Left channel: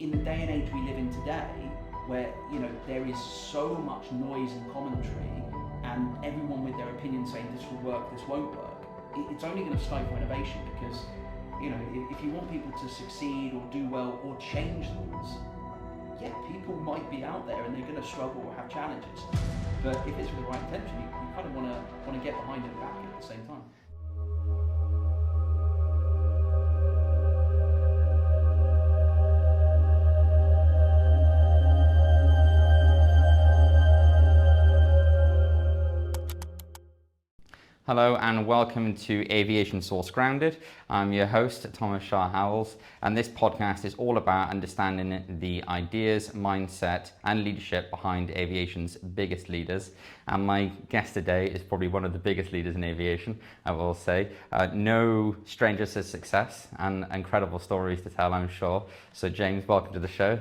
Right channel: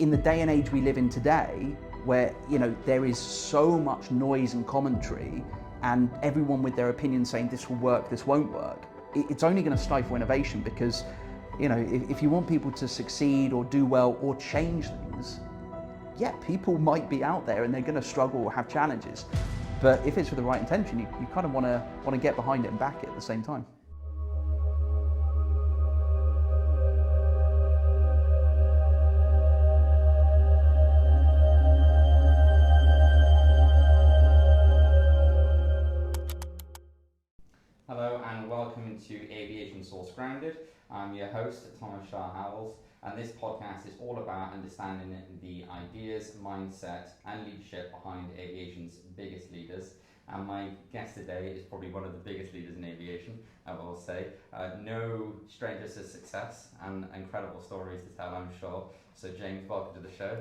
in the day and age we live in today, where there is so much noise and commentary, and everyone with their opinion saying this will work, this won't work, it's only going to stifle innovation. Because if you want people to succeed or do well or change things, yeah, people might be out there and they're going to struggle or have challenges. But if it's with the right intention, you kind of want to get behind it and back it at the same time. Hello and welcome to AviationSource Grounded. I'm your host, Thomas Shah-Howells, and this podcast is all about understanding the ideas, mindset and leadership behind aviation's biggest leaders. And my guest today is probably one of the biggest leaders in aviation, I will say. No stranger to success and incredible stories to tell, I'm sure. So James, welcome to the show.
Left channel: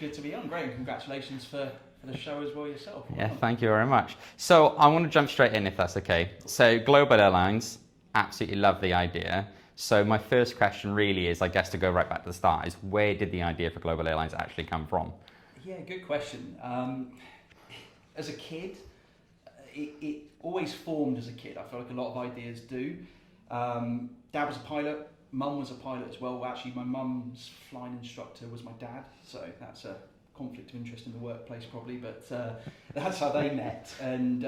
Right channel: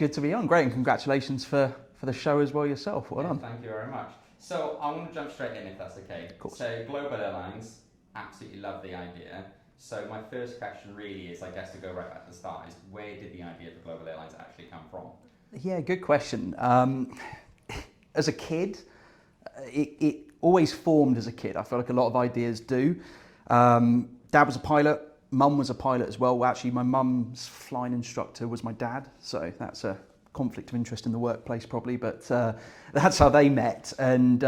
Good to be on, great, and congratulations for the show as well yourself. Well done. Thank you very much. So I want to jump straight in if that's okay. Cool. So Global Airlines, absolutely love the idea. So my first question really is, I guess to go right back to the start, is where did the idea for Global Airlines actually come from? Yeah, good question. As a kid, it always formed as a kid. I feel like a lot of ideas do. Dad was a pilot, mum was a pilot as well. Actually, my mum's flying instructor was my dad, so that's a conflict of interest in the workplace probably, but that's how they met. And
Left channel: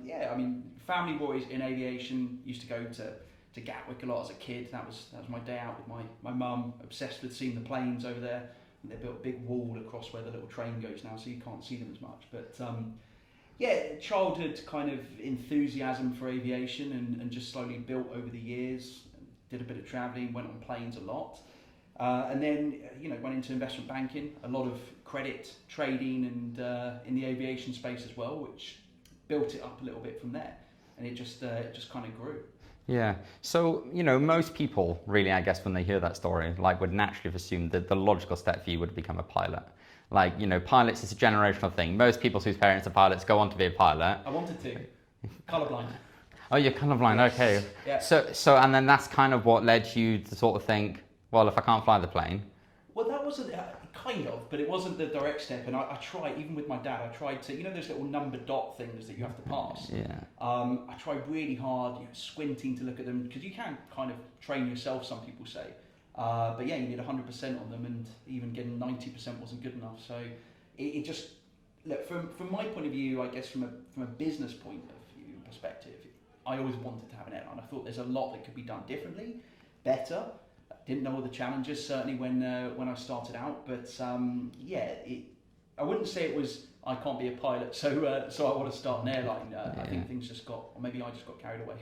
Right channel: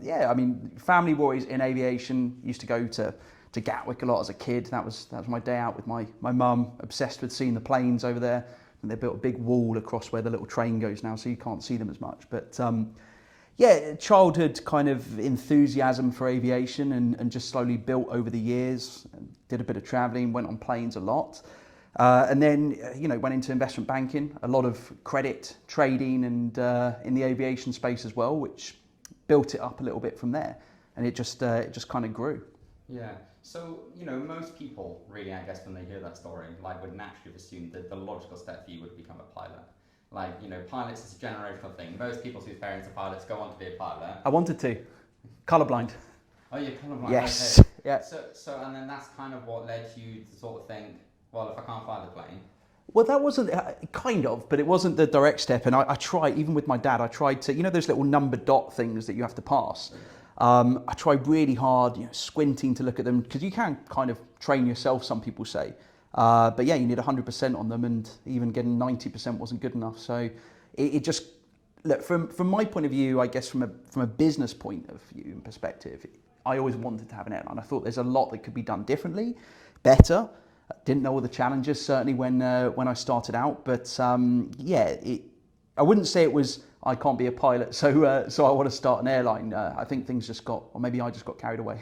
yeah, I mean, family were always in aviation. Used to go to Gatwick a lot as a kid. That was my day out with my mum, obsessed with seeing the planes over there. And they built a big wall across where the little train goes now, so you can't see them as much. But yeah, childhood kind of enthusiasm for aviation and just slowly built over the years. Did a bit of traveling, went on planes a lot. And then, went into investment banking, a lot of credit trading and in the aviation space as well, which built it up a little bit from there. And it just kind of grew. Yeah. So, most people really, I guess, when they hear that story, would naturally have assumed that the logical step for you would become a pilot. Pilots is a generational thing. Most people whose parents are pilots go on to be a pilot. I wanted to. Colourblind. Oh, you're colourblind, yes. Okay. Yeah. So, and then that's kind of what led you to sort of think, well, if I can't fly the plane. Well, that wasn't kind of, but it wasn't the direct step. And I tried, even with my dad, I tried to, those little number dot things that you have to pass. Yeah. I tried really hard, squinting to look at them, because you can kind of train yourself, some people say. But yeah, you need 100% on them, and even getting 90% wasn't good enough. So it just, look, from my point of view, I guess from a business point of view and perspective, I always wanted to have an airline. I thought there's a lot that could be done differently, better. Didn't know all the challenges certainly when I started out, but yeah, I wouldn't say it was I can't be a pilot, so I want to start an airline. I think things just got, or maybe I just got carried away.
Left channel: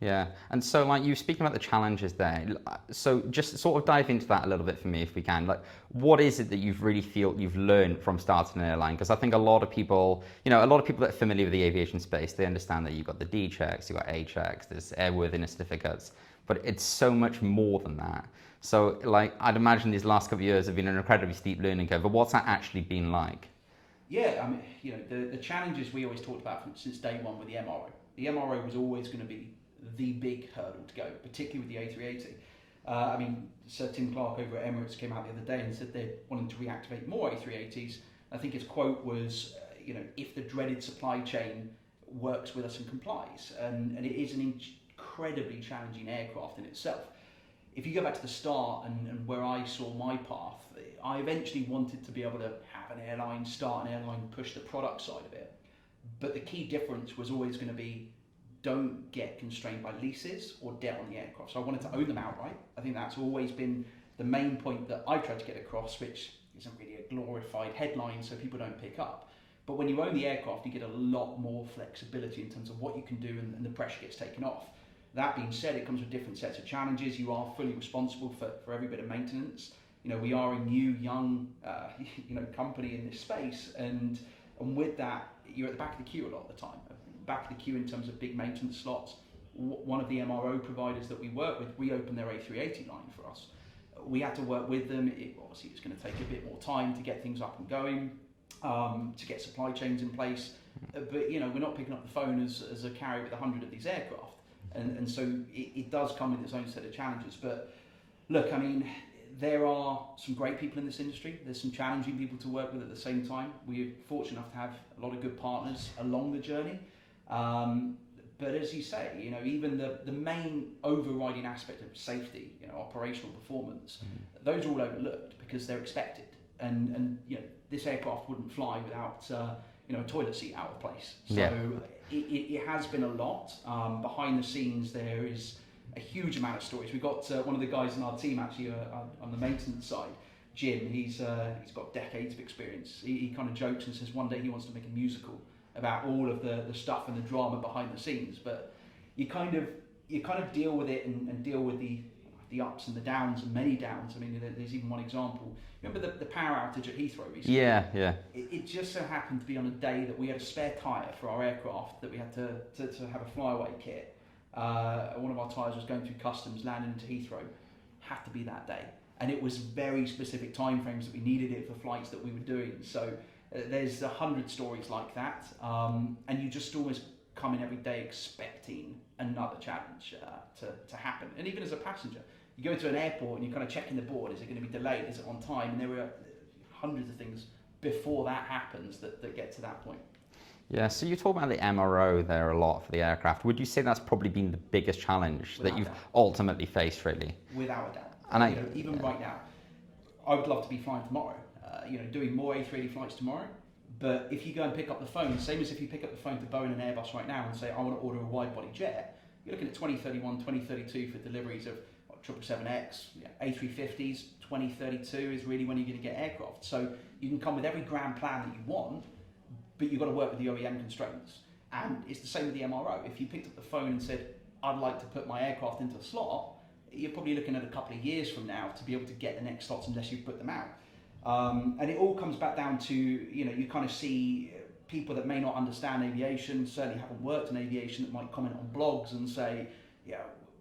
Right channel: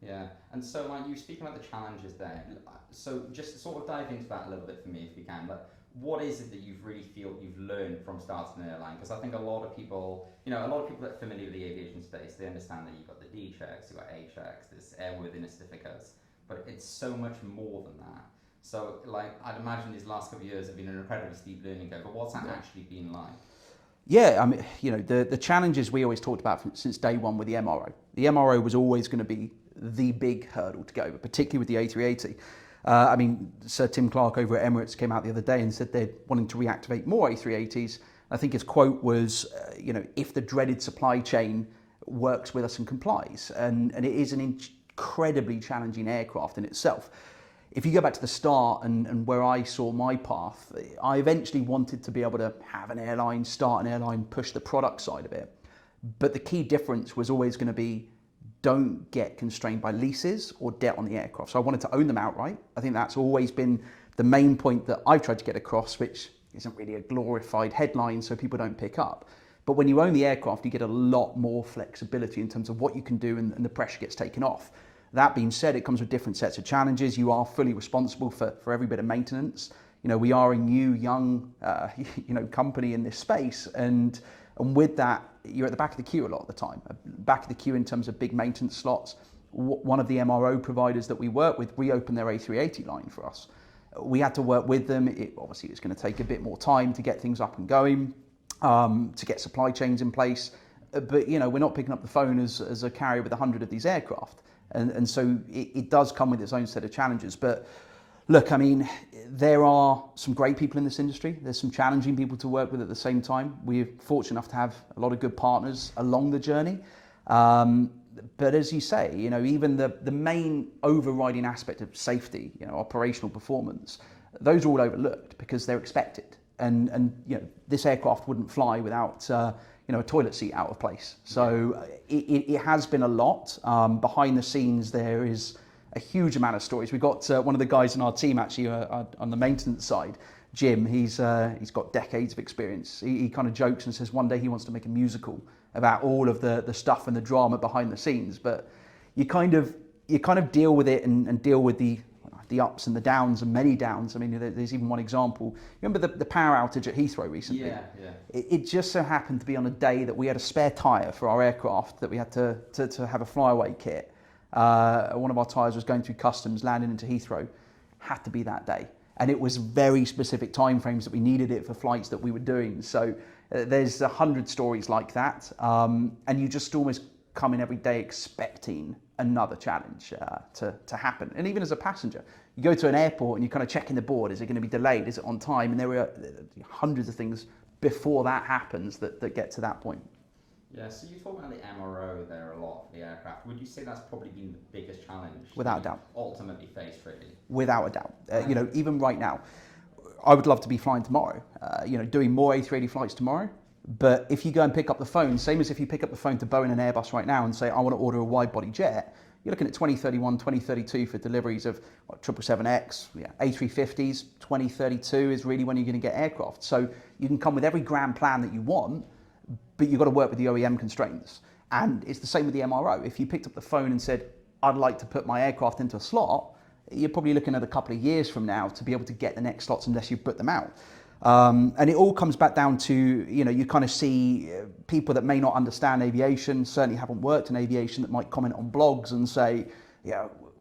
Yeah, and so you speaking about the challenges there, so just sort of dive into that a little bit for me if we can. What is it that you've really feel you've learned from starting an airline? Because I think a lot of people that are familiar with the aviation space, they understand that you've got the D checks, you've got A checks, there's airworthiness certificates. But it's so much more than that. So I'd imagine these last couple of years have been an incredibly steep learning curve, but what's that actually been like? Yeah, I mean, the challenges we always talked about since day one with the MRO. The MRO was always going to be the big hurdle to go, particularly with the A380. I mean, Sir Tim Clark over at Emirates came out the other day and said they're wanting to reactivate more A380s. I think his quote was, if the dreaded supply chain works with us and complies. And it is an incredibly challenging aircraft in itself. If you go back to the start and where I saw my path, I eventually wanted to be able to have an airline, start an airline, push the product side of it. But the key difference was always going to be, don't get constrained by leases or debt on the aircraft. So I wanted to own them outright. I think that's always been the main point that I've tried to get across, which isn't really a glorified headline so people don't pick up. But when you own the aircraft, you get a lot more flexibility in terms of what you can do, and the pressure gets taken off. That being said, it comes with different sets of challenges. You are fully responsible for every bit of maintenance. We are a new, young, company in this space, and with that, you're at the back of the queue a lot of the time. Back of the queue in terms of big maintenance slots. One of the MRO providers that we work with reopened their A380 line for us. We had to work with them. Obviously, it's going to take a bit more time to get things up and going, to get supply chains in place. But we're not picking up the phone as a carrier with 100 of these aircraft. And so it does come with its own set of challenges. But look, I mean, there are some great people in this industry. There's some challenging people to work with at the same time. We're fortunate enough to have a lot of good partners along the journey. But as you say, even the main overriding aspect of safety, operational performance, those are all overlooked because they're expected. And this aircraft wouldn't fly without a toilet seat out of place. So it has been a lot. Behind the scenes, there is a huge amount of stories. We've got one of the guys in our team actually on the maintenance side, Jim. He's got decades of experience. He kind of jokes and says one day he wants to make a musical about all of the stuff and the drama behind the scenes. But you kind of deal with it and deal with the ups and the downs and many downs. I mean, there's even one example. You remember the power outage at Heathrow recently? Yeah. It just so happened to be on a day that we had a spare tyre for our aircraft that we had to have a flyaway kit. One of our tyres was going through customs, landing into Heathrow. Had to be that day. And it was very specific timeframes that we needed it for flights that we were doing. So there's 100 stories like that. And you just almost come in every day expecting another challenge to happen. And even as a passenger, you go to an airport and you're kind of checking the board. Is it going to be delayed? Is it on time? And there are hundreds of things before that happens that get to that point. Yeah, so you talk about the MRO there a lot for the aircraft. Would you say that's probably been the biggest challenge Without that you've doubt. ultimately faced, really? Without a doubt. And even right now, I would love to be flying tomorrow, doing more A380 flights tomorrow. But if you go and pick up the phone, same as if you pick up the phone to Boeing and Airbus right now and say, I want to order a wide-body jet, you're looking at 2031, 2032 for deliveries of 777X, A350s. 2032 is really when you're going to get aircraft. So you can come with every grand plan that you want, but you've got to work with the OEM constraints. And it's the same with the MRO. If you picked up the phone and said, I'd like to put my aircraft into a slot, you're probably looking at a couple of years from now to be able to get the next slots unless you put them out. And it all comes back down to, you kind of see people that may not understand aviation, certainly haven't worked in aviation, that might comment on blogs and say,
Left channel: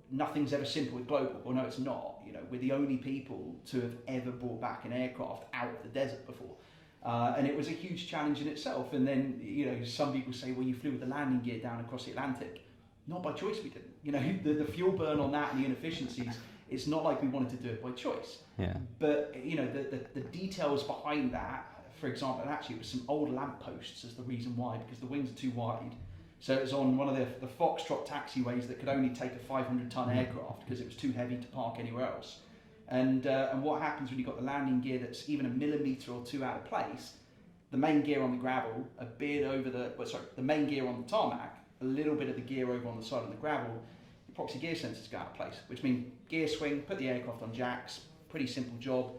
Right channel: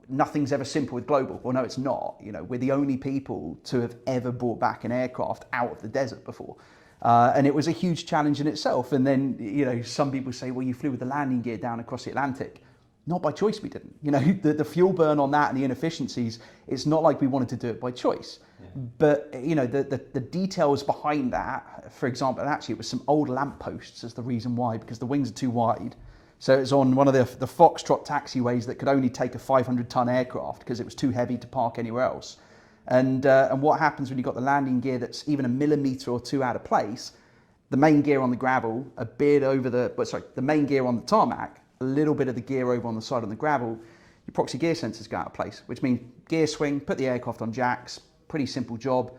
nothing's ever simple with Global. Well, no, it's not. We're the only people to have ever brought back an aircraft out of the desert before. And it was a huge challenge in itself. And then, some people say, well, you flew with the landing gear down across the Atlantic. Not by choice, we didn't. The fuel burn on that and the inefficiencies, it's not like we wanted to do it by choice. Yeah. But, the details behind that, for example, and actually it was some old lampposts as the reason why, because the wings are too wide. So it's on one of the Foxtrot taxiways that could only take a 500-ton aircraft because it was too heavy to park anywhere else. And what happens when you've got the landing gear that's even a millimetre or two out of place, the main gear on the gravel, the main gear on the tarmac, a little bit of the gear over on the side of the gravel, your proxy gear sensors go out of place, which means gear swing, put the aircraft on jacks, pretty simple job.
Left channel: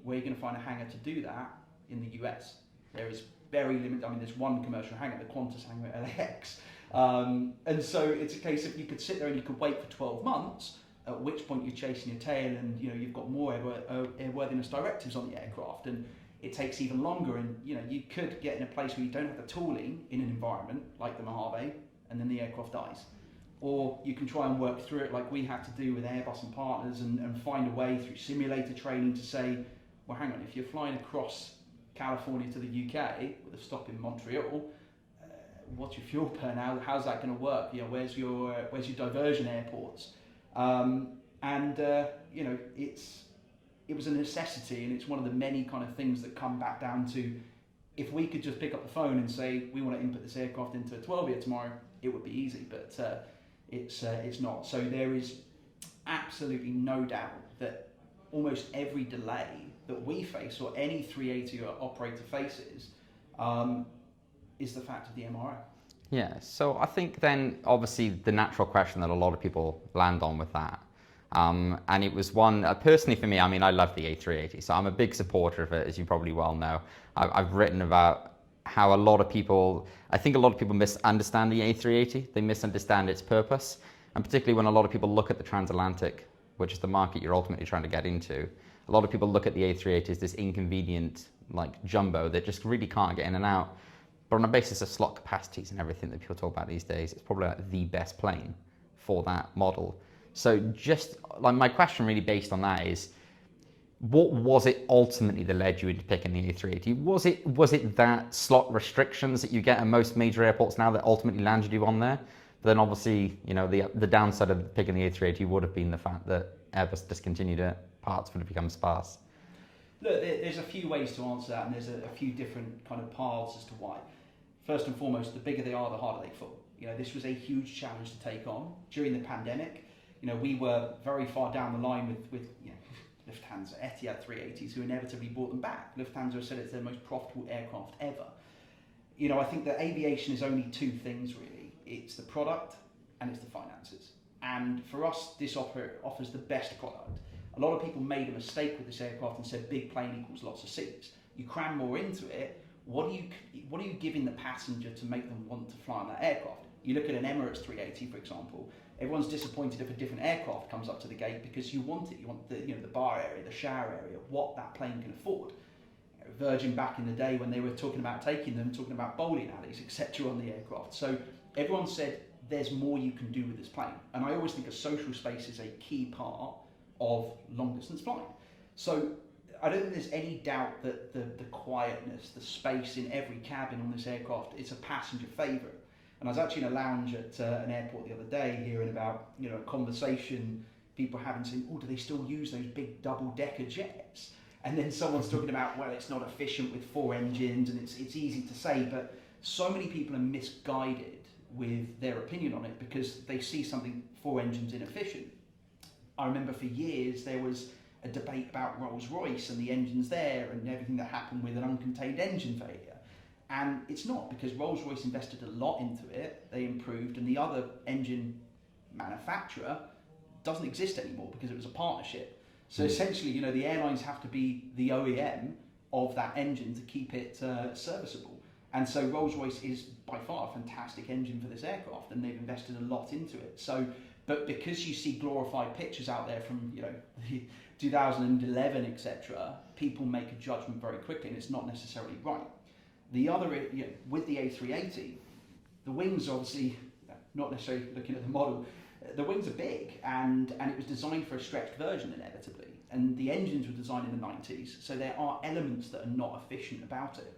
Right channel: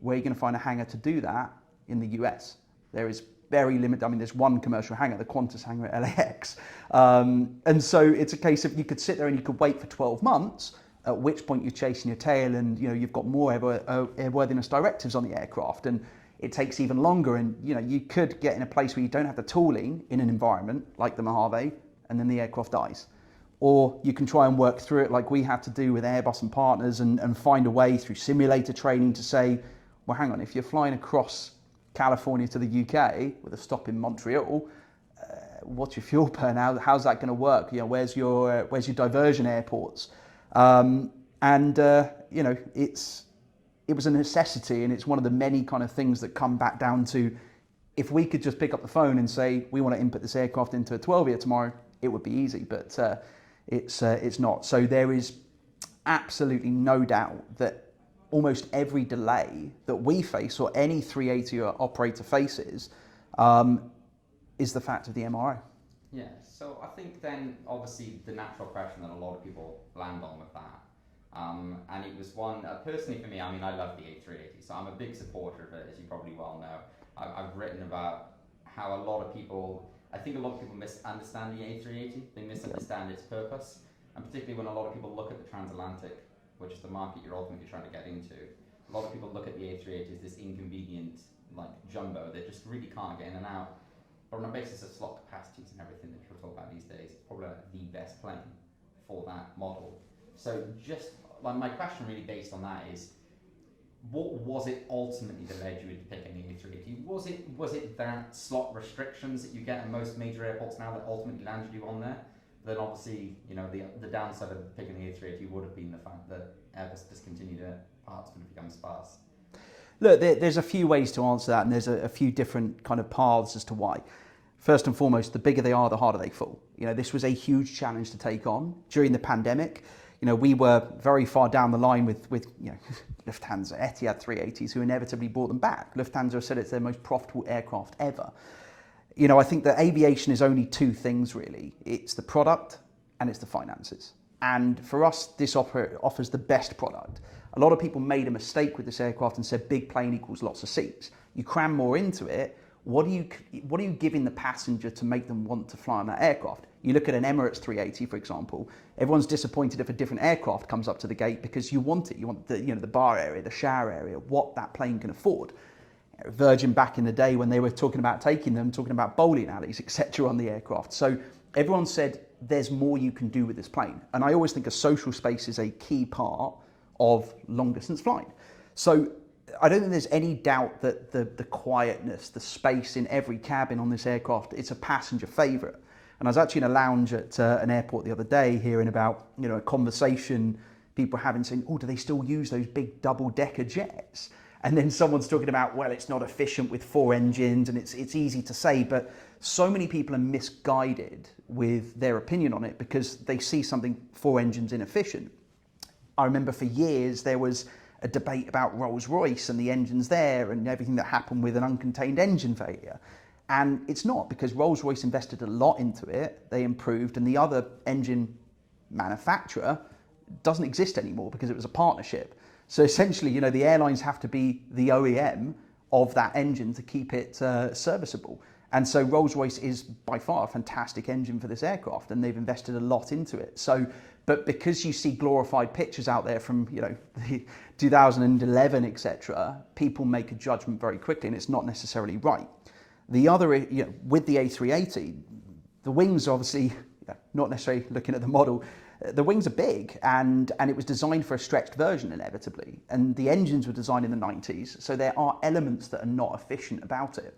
Where are you going to find a hangar to do that in the US? There is very limited, there's one commercial hangar, the Qantas hangar at LAX. And so it's a case of you could sit there and you could wait for 12 months, at which point you're chasing your tail and you've got more airworthiness directives on the aircraft, and it takes even longer, and you could get in a place where you don't have the tooling in an environment like the Mojave, and then the aircraft dies. Or you can try and work through it like we had to do with Airbus and partners and find a way through simulator training to say, well, hang on, if you're flying across California to the UK with a stop in Montreal, what's your fuel burn? How's that going to work? Where's your diversion airports? It was a necessity, and it's one of the many kind of things that come back down to, if we could just pick up the phone and say, we want to input this aircraft into a 12-year tomorrow, it would be easy, but it's not. So there is absolutely no doubt that almost every delay that we face, or any 380 operator faces, is the fact of the MRO. Yeah, so I think then obviously the natural question that a lot of people land on with that, and it was one, personally for me, I love the A380, so I'm a big supporter of it, as you probably well know. I've written about how I think a lot of people misunderstand the A380, they misunderstand its purpose, and particularly when a lot of people look at the transatlantic, which is the market you're ultimately trying to get into, a lot of people look at the A380 as this inconvenient jumbo that just really can't get in and out. But on a basis of slot capacities and everything that people talk about these days, it's probably the best plane for that model. So just my question really based on that is, what was it ultimately that led you into picking the A380? Was it that slot restrictions that you get at most major airports now that ultimately landed you on there? But then obviously, the downside of picking the A380 would have been the fact that Airbus discontinued it, parts when it becomes sparse? Look, there's a few ways to answer that, and there's a few different kind of paths as to why. First and foremost, the bigger they are, the harder they fall. This was a huge challenge to take on during the pandemic. We were very far down the line with Lufthansa, Etihad 380s, who inevitably brought them back. Lufthansa said it's their most profitable aircraft ever. I think that aviation is only two things really. It's the product and it's the finances. And for us, this offers the best product. A lot of people made a mistake with this aircraft and said big plane equals lots of seats. You cram more into it, what are you giving the passenger to make them want to fly on that aircraft? You look at an Emirates 380, for example, everyone's disappointed if a different aircraft comes up to the gate because you want it. You want the bar area, the shower area, what that plane can afford. Virgin back in the day when they were talking about taking them, talking about bowling alleys, etc. on the aircraft. So everyone said there's more you can do with this plane. And I always think a social space is a key part of long distance flying. So I don't think there's any doubt that the quietness, the space in every cabin on this aircraft, it's a passenger favourite. And I was actually in a lounge at an airport the other day hearing about a conversation people having saying, oh, do they still use those big double-decker jets? And then someone's talking about, well, it's not efficient with 4 engines, and it's easy to say, but so many people are misguided with their opinion on it because they see something 4 engines inefficient. I remember for years there was a debate about Rolls-Royce and the engines there and everything that happened with an uncontained engine failure. And it's not, because Rolls-Royce invested a lot into it, they improved, and the other engine manufacturer doesn't exist anymore because it was a partnership. So essentially, the airlines have to be the OEM of that engine to keep it serviceable. And so Rolls-Royce is by far a fantastic engine for this aircraft, and they've invested a lot into it. So, but because you see glorified pictures out there from, the 2011, etc., people make a judgment very quickly, and it's not necessarily right. The other, with the A380, the wings obviously, not necessarily looking at the model, the wings are big, and it was designed for a stretched version inevitably, and the engines were designed in the 90s, so there are elements that are not efficient about it.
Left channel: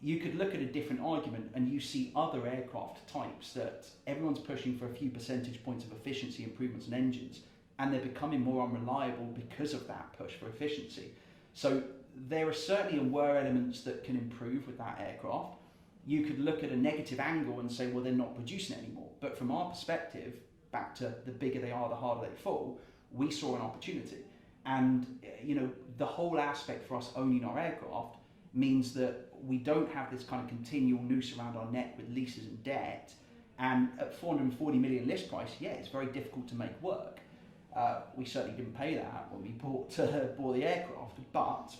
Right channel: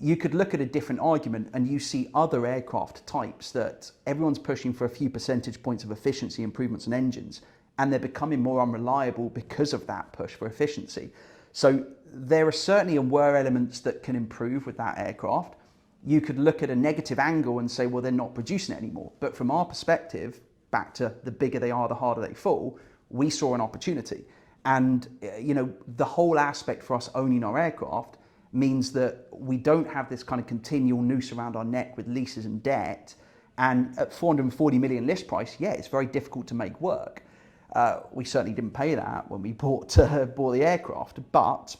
You could look at a different argument and you see other aircraft types that everyone's pushing for a few percentage points of efficiency improvements in engines, and they're becoming more unreliable because of that push for efficiency. So there are certainly and were elements that can improve with that aircraft. You could look at a negative angle and say, well, they're not producing it anymore. But from our perspective, back to the bigger they are, the harder they fall, we saw an opportunity. And the whole aspect for us owning our aircraft means that we don't have this kind of continual noose around our neck with leases and debt. And at 440 million list price, it's very difficult to make work. We certainly didn't pay that when we bought the aircraft, but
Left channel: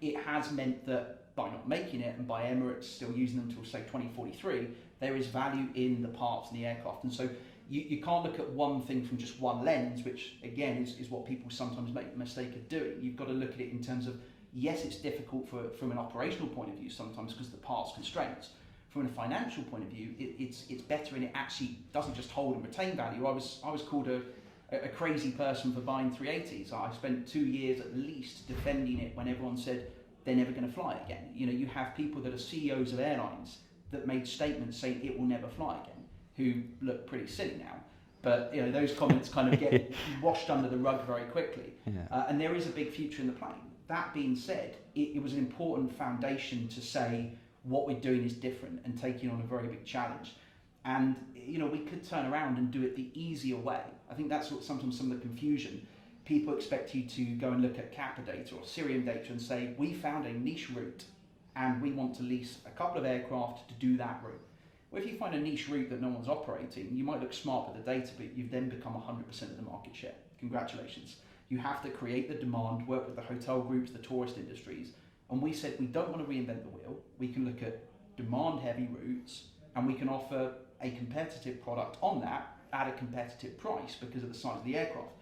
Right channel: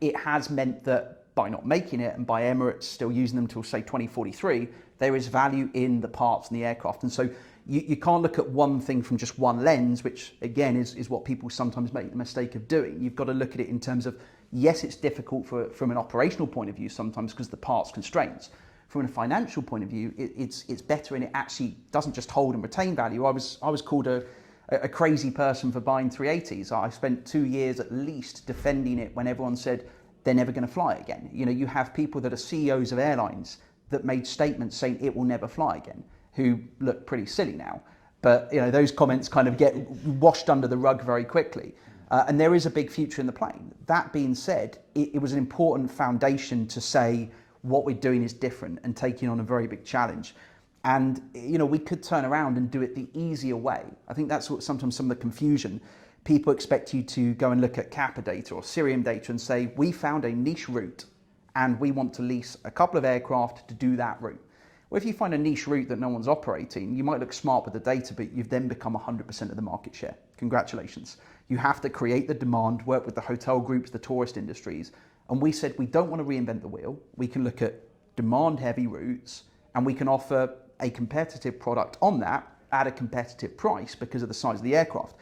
it has meant that by not making it and by Emirates still using them till say 2043, there is value in the parts and the aircraft. And so you can't look at one thing from just one lens, which again is what people sometimes make the mistake of doing. You've got to look at it in terms of, yes, it's difficult from an operational point of view sometimes because the parts constraints. From a financial point of view, it's better, and it actually doesn't just hold and retain value. I was called a crazy person for buying 380s. I spent 2 years at least defending it when everyone said they're never going to fly again. You have people that are CEOs of airlines that made statements saying it will never fly again, who look pretty silly now. But those comments kind of get washed under the rug very quickly. Yeah. And there is a big future in the plane. That being said, it was an important foundation to say what we're doing is different and taking on a very big challenge. And we could turn around and do it the easier way. I think that's what sometimes some of the confusion. People expect you to go and look at Kappa data or Cirium data and say, we found a niche route and we want to lease a couple of aircraft to do that route. Well, if you find a niche route that no one's operating, you might look smart with the data, but you've then become 100% of the market share. Congratulations. You have to create the demand, work with the hotel groups, the tourist industries. And we said, we don't want to reinvent the wheel. We can look at demand-heavy routes, and we can offer a competitive product on that at a competitive price because of the size of the aircraft.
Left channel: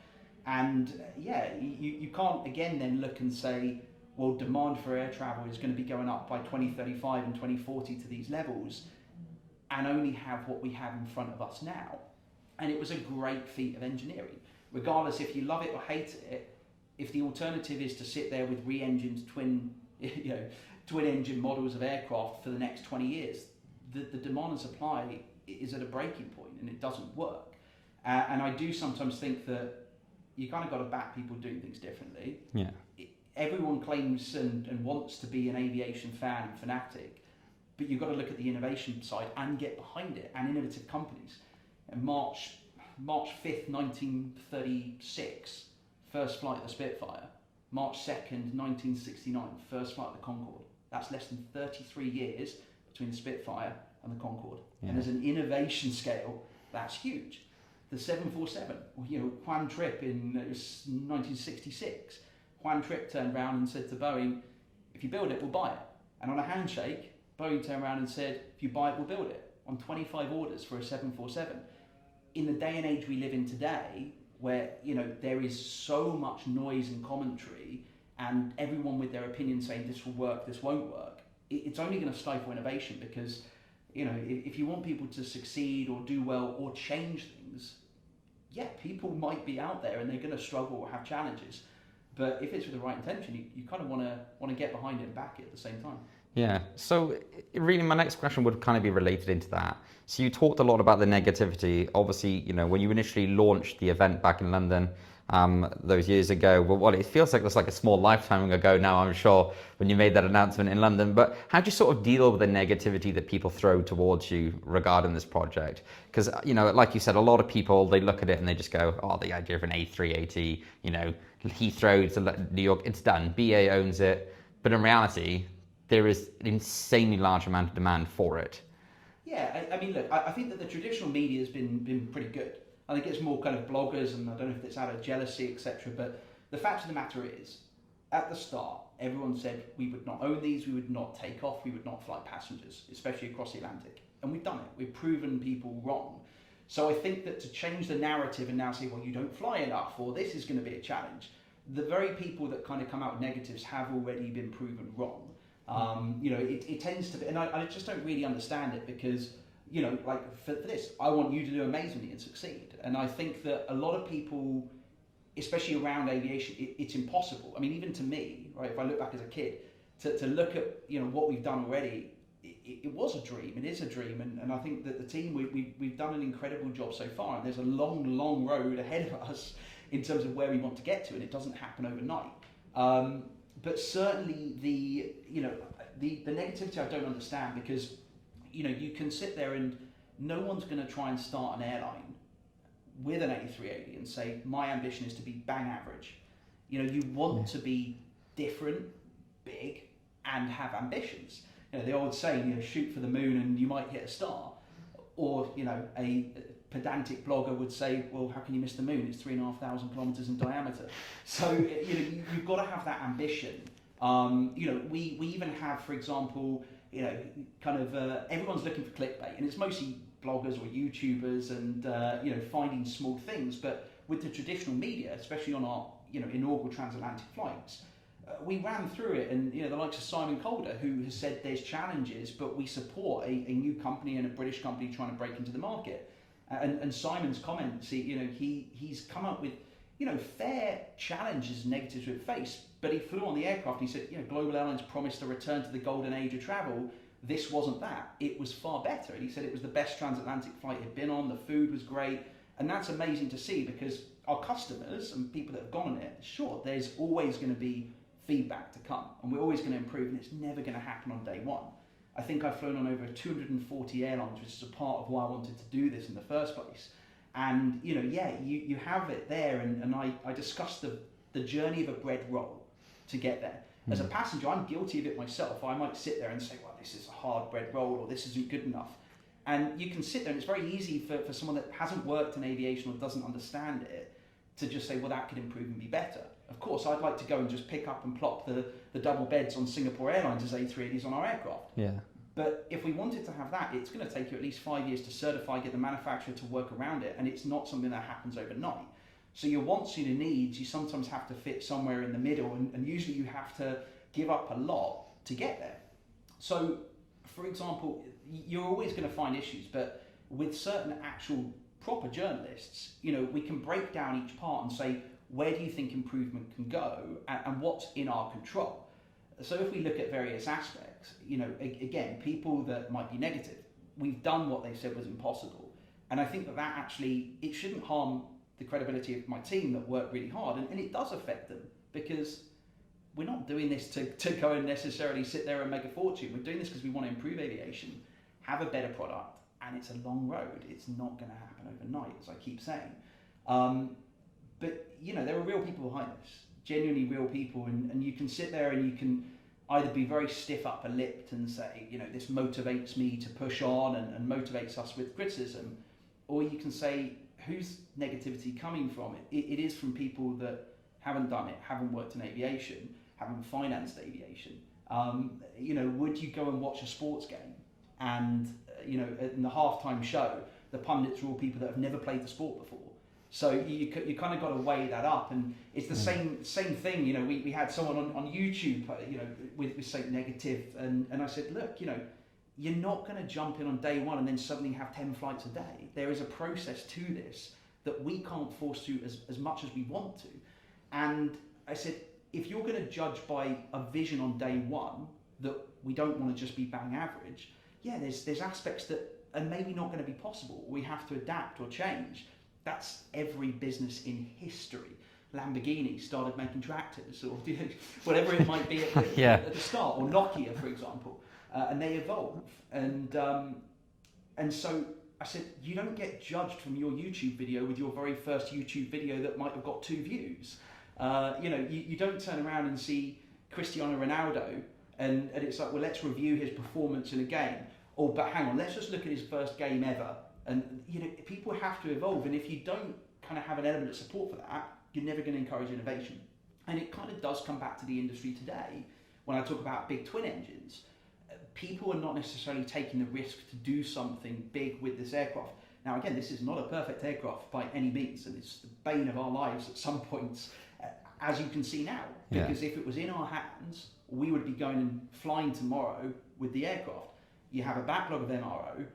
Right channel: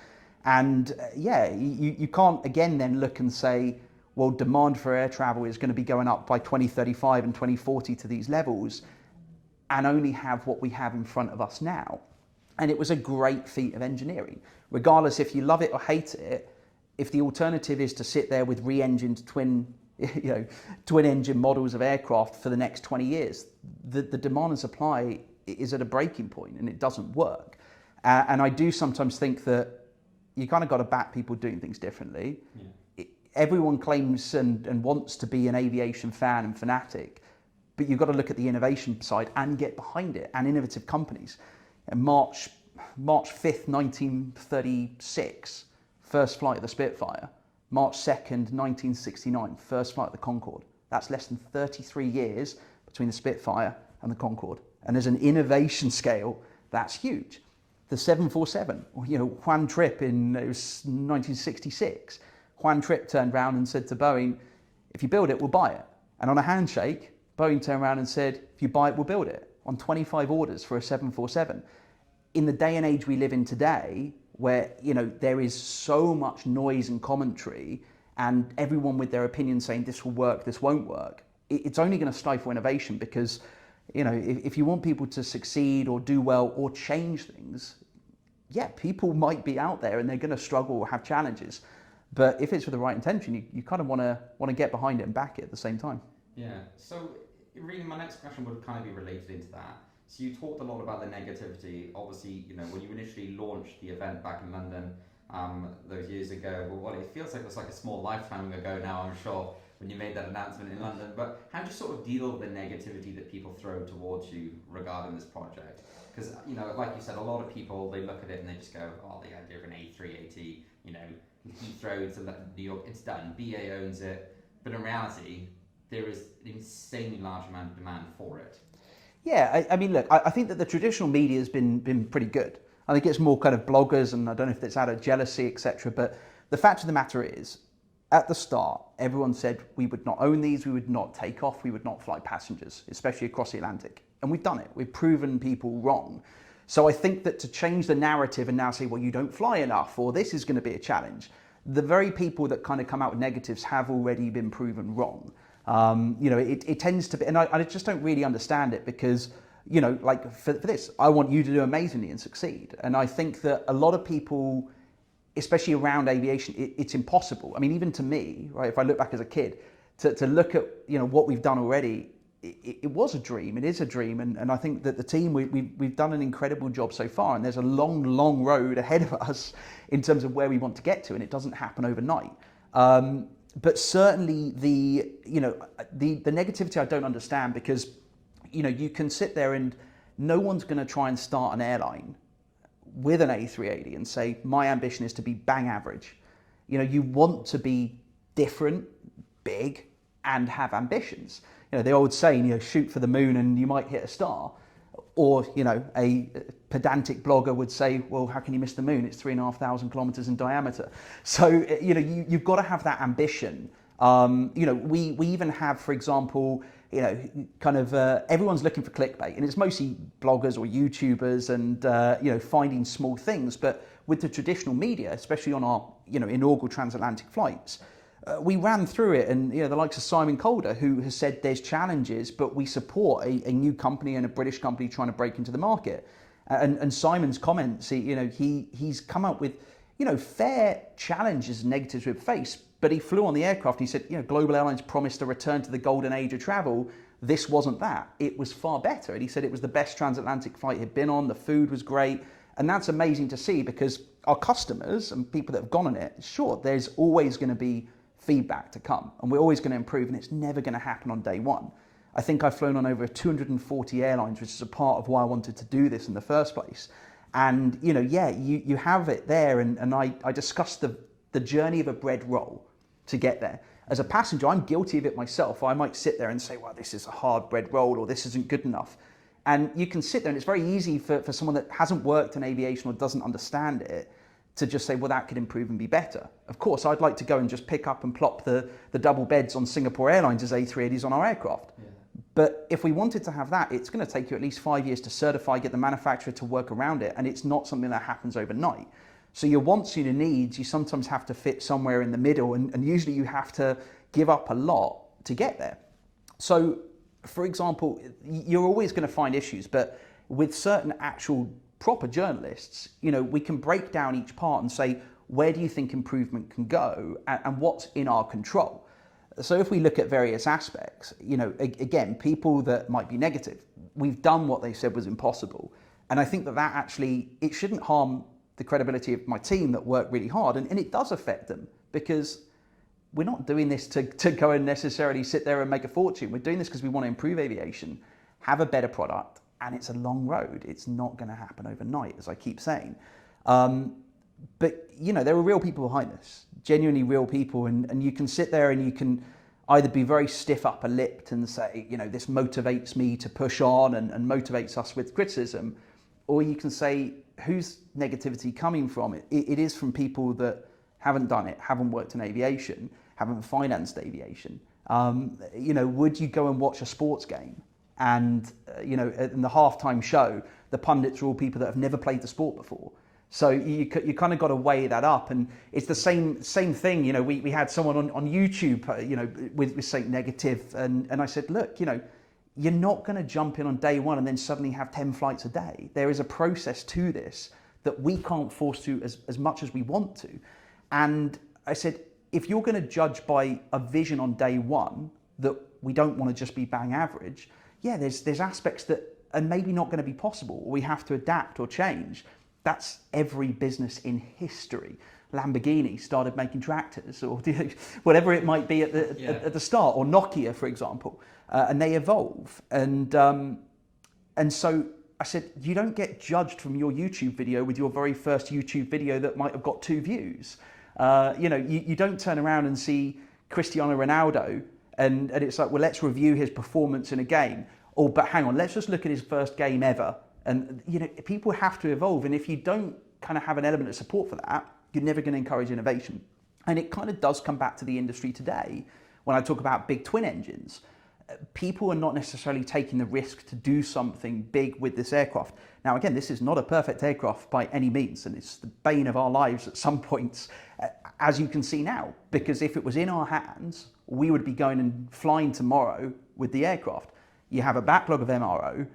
And you can't again then look and say, well, demand for air travel is going to be going up by 2035 and 2040 to these levels, and only have what we have in front of us now. And it was a great feat of engineering. Regardless if you love it or hate it, if the alternative is to sit there with re-engined twin engine models of aircraft for the next 20 years, the demand and supply is at a breaking point and it doesn't work. And I do sometimes think that you kind of got to back people doing things differently. Yeah. Everyone claims and wants to be an aviation fan and fanatic, but you've got to look at the innovation side and get behind it, and innovative companies. And March 5th, 1936, first flight of the Spitfire. March 2nd, 1969, first flight of the Concorde. That's less than 33 years between the Spitfire and the Concorde. Yeah. And there's an innovation scale that's huge. The 747, Juan Trippe it was 1966. Juan Trippe turned around and said to Boeing, if you build it, we'll buy it. And on a handshake, Boeing turned around and said, if you buy it, we'll build it. On 25 orders for a 747. In the day and age we live in today, where there is so much noise and commentary, and everyone with their opinion saying this will work, this won't work, it's only going to stifle innovation, because if you want people to succeed or do well or change things, yeah, people might be out there and they're going to struggle or have challenges. But if it's with the right intention, you kind of want to get behind it and back it at the same time. Yeah. So really, my next question would kind of be related into that. So you talked a lot about the negativity. Obviously, when you initially launched the event back in London those years ago, well, it feels like that's like a small lifetime ago now, I'm sure, when you made that announcement in London. But how do you sort of deal with the negativity that people throw towards you regarding this project? Because, like you said, a lot of people, they look at it and they just go, oh, the idea of an A380, Heathrow to New York, it's done. BA owns it. But in reality, there is an insanely large amount of demand for it. Yeah, I mean, look, I think that the traditional media has been pretty good. I think it's more kind of bloggers, and I don't know if it's out of jealousy, etc. But the fact of the matter is, at the start, everyone said we would not own these, we would not take off, we would not fly passengers, especially across the Atlantic. And we've done it. We've proven people wrong. So I think that to change the narrative and now say, well, you don't fly enough, or this is going to be a challenge, the very people that kind of come out with negatives have already been proven wrong. It tends to be, and I just don't really understand it, because, like for this, I want you to do amazingly and succeed. And I think that a lot of people, especially around aviation, it's impossible. I mean, even to me, right, if I look back as a kid, to look at, what we've done already, it was a dream, it is a dream. And I think that the team, we've done an incredible job so far, and there's a long, long road ahead of us in terms of where we want to get to, and it doesn't happen overnight. But certainly the negativity I don't understand, because you can sit there and no one's going to try and start an airline with an A380 and say my ambition is to be bang average. You want to be different, big, and have ambitions. The old saying, shoot for the moon and you might hit a star. Or, a pedantic blogger would say, well, how can you miss the moon? It's 3,500 kilometers in diameter. So, you've got to have that ambition. We even have, for example, everyone's looking for clickbait, and it's mostly bloggers or YouTubers and, finding small things. But with the traditional media, especially on our, inaugural transatlantic flights, we ran through it, and the likes of Simon Calder, who has said there's challenges, but we support a new company and a British company trying to break into the market. And Simon's comments, he's come up with fair challenges and negatives we've faced, but he flew on the aircraft. He said, Global Airlines promised a return to the golden age of travel. This wasn't that. It was far better. And he said it was the best transatlantic flight he'd been on. The food was great. And that's amazing to see, because our customers and people that have gone on it, sure, there's always going to be feedback to come, and we're always going to improve, and it's never going to happen on day one. I think I've flown on over 240 airlines, which is a part of why I wanted to do this in the first place. And you have it there, and I discussed the journey of a bread roll to get there. As a passenger, I'm guilty of it myself. I might sit there and say, well, this is a hard bread roll, or this isn't good enough. And you can sit there, and it's very easy for someone that hasn't worked in aviation or doesn't understand it to just say, well, that could improve and be better. Of course, I'd like to go and just pick up and plop the double beds on Singapore Airlines as A380s on our aircraft. Yeah. But if we wanted to have that, it's going to take you at least 5 years to certify, get the manufacturer to work around it, and it's not something that happens overnight. So your wants and your needs, you sometimes have to fit somewhere in the middle, and usually you have to give up a lot to get there. So, for example, you're always going to find issues, but with certain actual proper journalists, we can break down each part and say, where do you think improvement can go, and what's in our control? So if we look at various aspects, again, people that might be negative, we've done what they said was impossible. And I think that actually, it shouldn't harm the credibility of my team that work really hard, and it does affect them, because we're not doing this to go and necessarily sit there and make a fortune. We're doing this because we want to improve aviation, have a better product, and it's a long road. It's not going to happen overnight, as I keep saying. But, you know, there are real people behind this, genuinely real people, and you can sit there and you can either be very stiff upper-lipped and say, you know, this motivates me to push on and motivates us with criticism, or you can say, whose negativity coming from? It is from people that haven't done it, haven't worked in aviation, haven't financed aviation. You know, would you go and watch a sports game and, you know, in the halftime show, the pundits are all people that have never played the sport before? So you kind of got to weigh that up, and it's the same thing. You know, we had someone on YouTube, you know, with saying negative, and I said, look, you know, you're not going to jump in on day one and then suddenly have 10 flights a day. There is a process to this that we can't force to as much as we want to. And I said, if you're going to judge by a vision on day one that we don't want to just be bang average, yeah, there's aspects that are maybe not going to be possible, or we have to adapt or change. That's every business in history. Lamborghini started making tractors, or whatever it might be at the, at the start, or Nokia, for example, and they evolve. And so I said, you don't get judged from your YouTube video with your very first YouTube video that might have got 2 views. You know, you don't turn around and see Cristiano Ronaldo and it's like, well, let's review his performance in a game. Oh, but hang on, let's just look at his first game ever. And, you know, people have to evolve. And if you don't kind of have an element of support for that, you're never going to encourage innovation. And it kind of does come back to the industry today. When I talk about big twin engines, people are not necessarily taking the risk to do something big with this aircraft. Now, again, this is not a perfect aircraft by any means, and it's the bane of our lives at some points, as you can see now. Because if it was in our hands, we would be going and flying tomorrow with the aircraft. You have a backlog of MRO,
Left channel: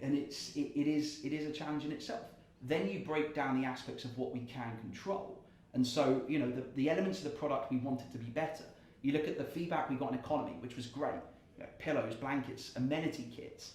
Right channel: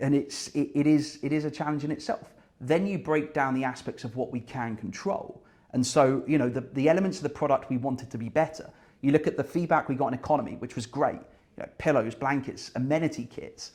and it is a challenge in itself. Then you break down the aspects of what we can control. And so, you know, the elements of the product we wanted to be better. You look at the feedback we got in economy, which was great. You know, pillows, blankets, amenity kits.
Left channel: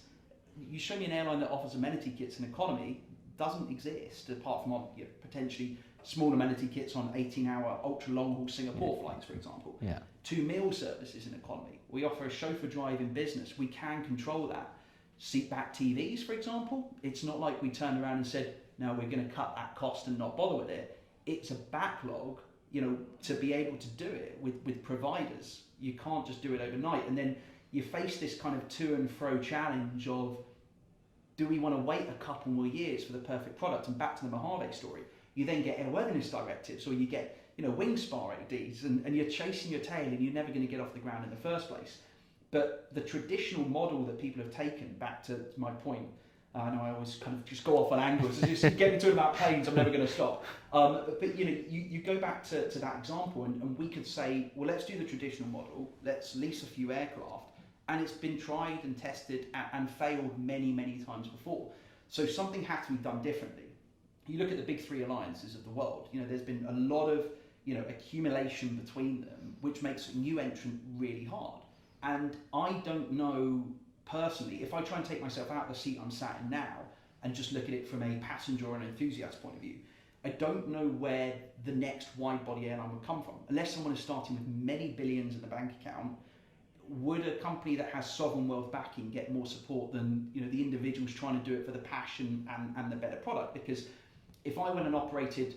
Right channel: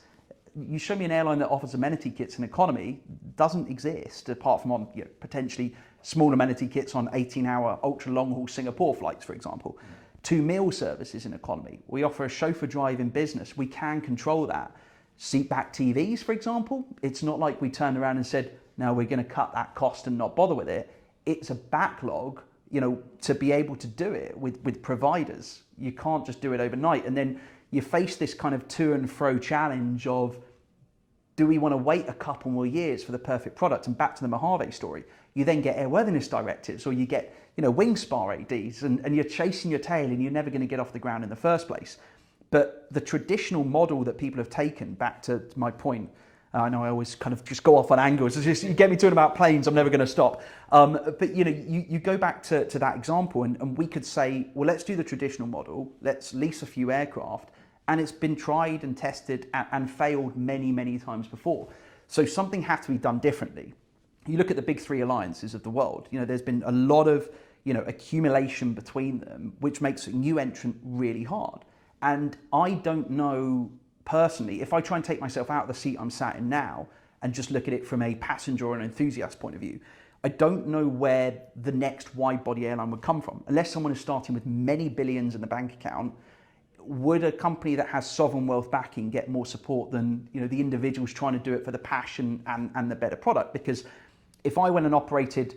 You show me an airline that offers amenity kits in economy, doesn't exist apart from on, you know, potentially small amenity kits on 18-hour ultra long haul Singapore flights, for example. 2 meal services in economy. We offer a chauffeur drive in business. We can control that. Seatback TVs, for example. It's not like we turned around and said, no, we're going to cut that cost and not bother with it. It's a backlog, you know, to be able to do it with providers. You can't just do it overnight. And then you face this kind of to and fro challenge of, do we want to wait a couple more years for the perfect product? And back to the Mojave story, you then get airworthiness directives, or you get, you know, wing spar ADs, and you're chasing your tail and you're never going to get off the ground in the first place. But the traditional model that people have taken, back to my point, I know I always kind of just go off on angles. It's just, you get me talking about planes, I'm never going to stop. But you know, you go back to that example, and we could say, well, let's do the traditional model. Let's lease a few aircraft, and it's been tried and tested and failed many, many times before. So something had to be done differently. You look at the big 3 alliances of the world. You know, there's been a lot of, you know, accumulation between them, which makes a new entrant really hard. And I don't know personally, if I try and take myself out of the seat I'm sat in now and just look at it from a passenger or an enthusiast point of view, I don't know where the next wide-body airline would come from. Unless someone is starting with many billions in the bank account, would a company that has sovereign wealth backing get more support than, you know, the individuals trying to do it for the passion and the better product? Because if I went and operated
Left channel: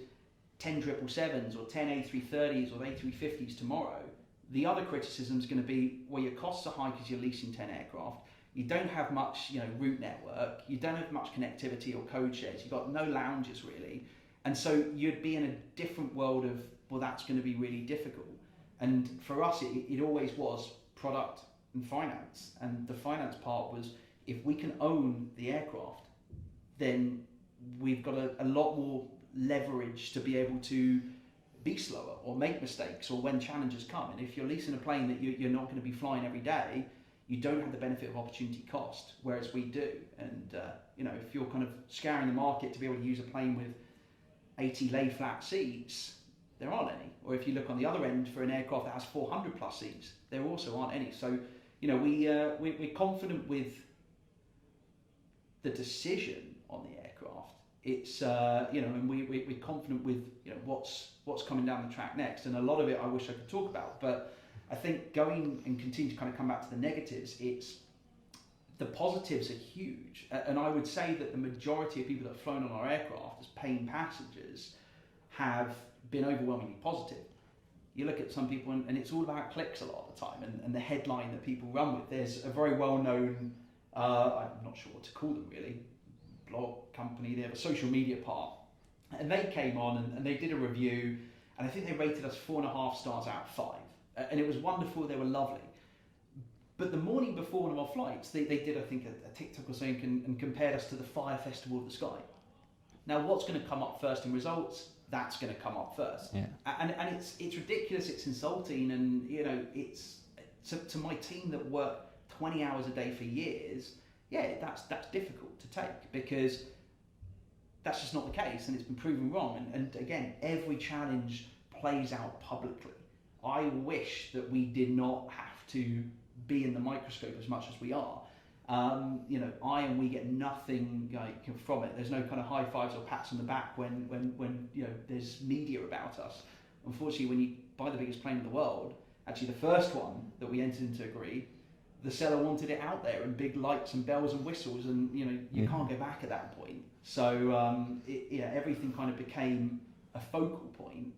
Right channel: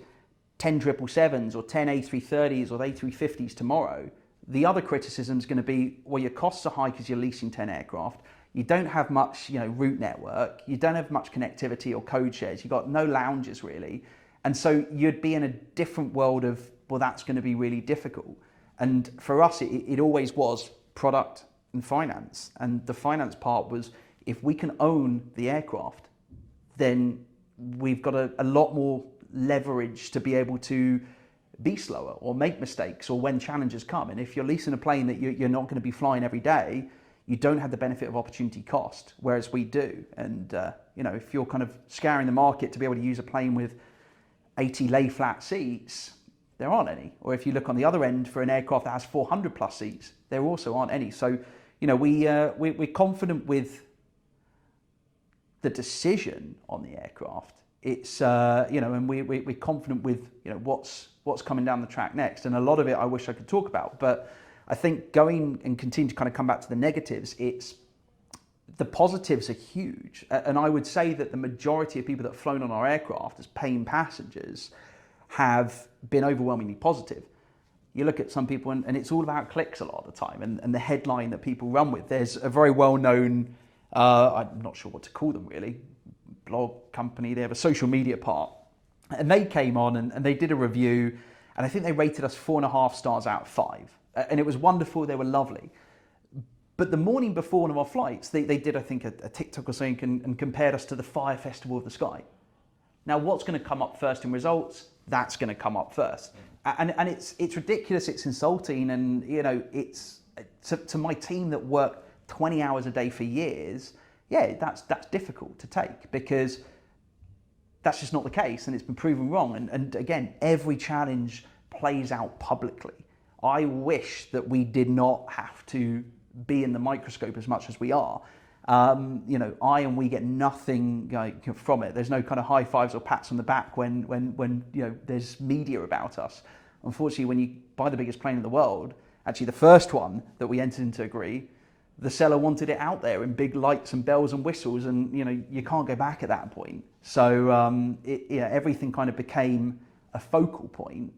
10 777s or 10 A330s or A350s tomorrow, the other criticism is going to be, well, your costs are high because you're leasing 10 aircraft. You don't have much, you know, route network. You don't have much connectivity or code shares. You've got no lounges really. And so you'd be in a different world of, well, that's going to be really difficult. And for us, it always was product and finance. And the finance part was, if we can own the aircraft, then we've got a lot more leverage to be able to be slower or make mistakes or when challenges come. And if you're leasing a plane that you're not going to be flying every day, you don't have the benefit of opportunity cost, whereas we do. And you know, if you're kind of scouring the market to be able to use a plane with 80 lay flat seats, there aren't any. Or if you look on the other end for an aircraft that has 400 plus seats, there also aren't any. So, you know, we're confident with the decision on the aircraft. it's and we're confident with what's coming down the track next. And a lot of it I wish I could talk about, but I think going and continue to kind of come back to the negatives, the positives are huge. And I would say that the majority of people that have flown on our aircraft as paying passengers have been overwhelmingly positive. You look at some people and it's all about clicks a lot of the time, and the headline that people run with. There's a very well-known, I'm not sure what to call them really, blog company. They have a social media part, and they came on and they did a review, and I think they rated us 4.5 stars out of 5. And it was wonderful, they were lovely. But the morning before one of our flights, they did, I think, a TikTok or something and compared us to the Fire Festival of the Sky. Now, what's going to come up first in results? That's going to come up first. Yeah. And it's ridiculous, it's insulting, and it's to my team that work 20 hours a day for years, yeah, that's difficult to take, because that's just not the case, and it's been proven wrong. And again, every challenge plays out publicly. I wish that we did not have to be in the microscope as much as we are. We get nothing from it. There's no kind of high fives or pats on the back when there's media about us. Unfortunately, when you buy the biggest plane in the world, actually the first one that we entered into agree, the seller wanted it out there in big lights and bells and whistles, and you can't go back at that point. So everything kind of became a focal point,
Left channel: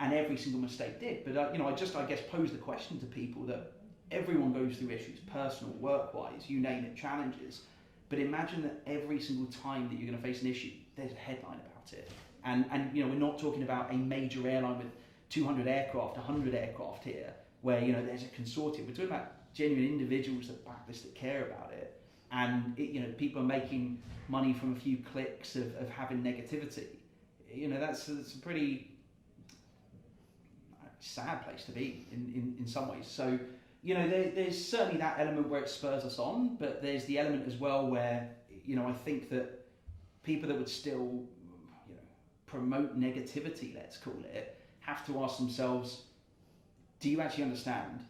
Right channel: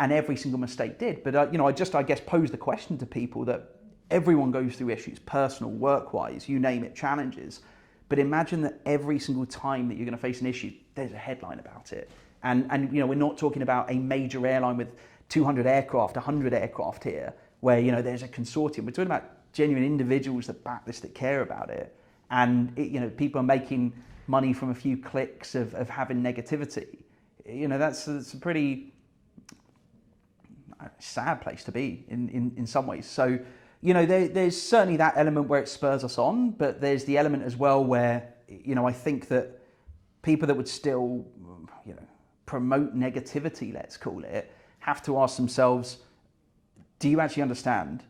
and every single mistake did. But I guess pose the question to people that everyone goes through issues, personal, work-wise, you name it, challenges. But imagine that every single time that you're going to face an issue, there's a headline about it. And we're not talking about a major airline with 200 aircraft, 100 aircraft here, where there's a consortium. We're talking about genuine individuals that back this, that care about it. And people are making money from a few clicks of having negativity. That's a pretty sad place to be in some ways. So there's certainly that element where it spurs us on, but there's the element as well where I think that people that would still promote negativity, let's call it, have to ask themselves, do you actually understand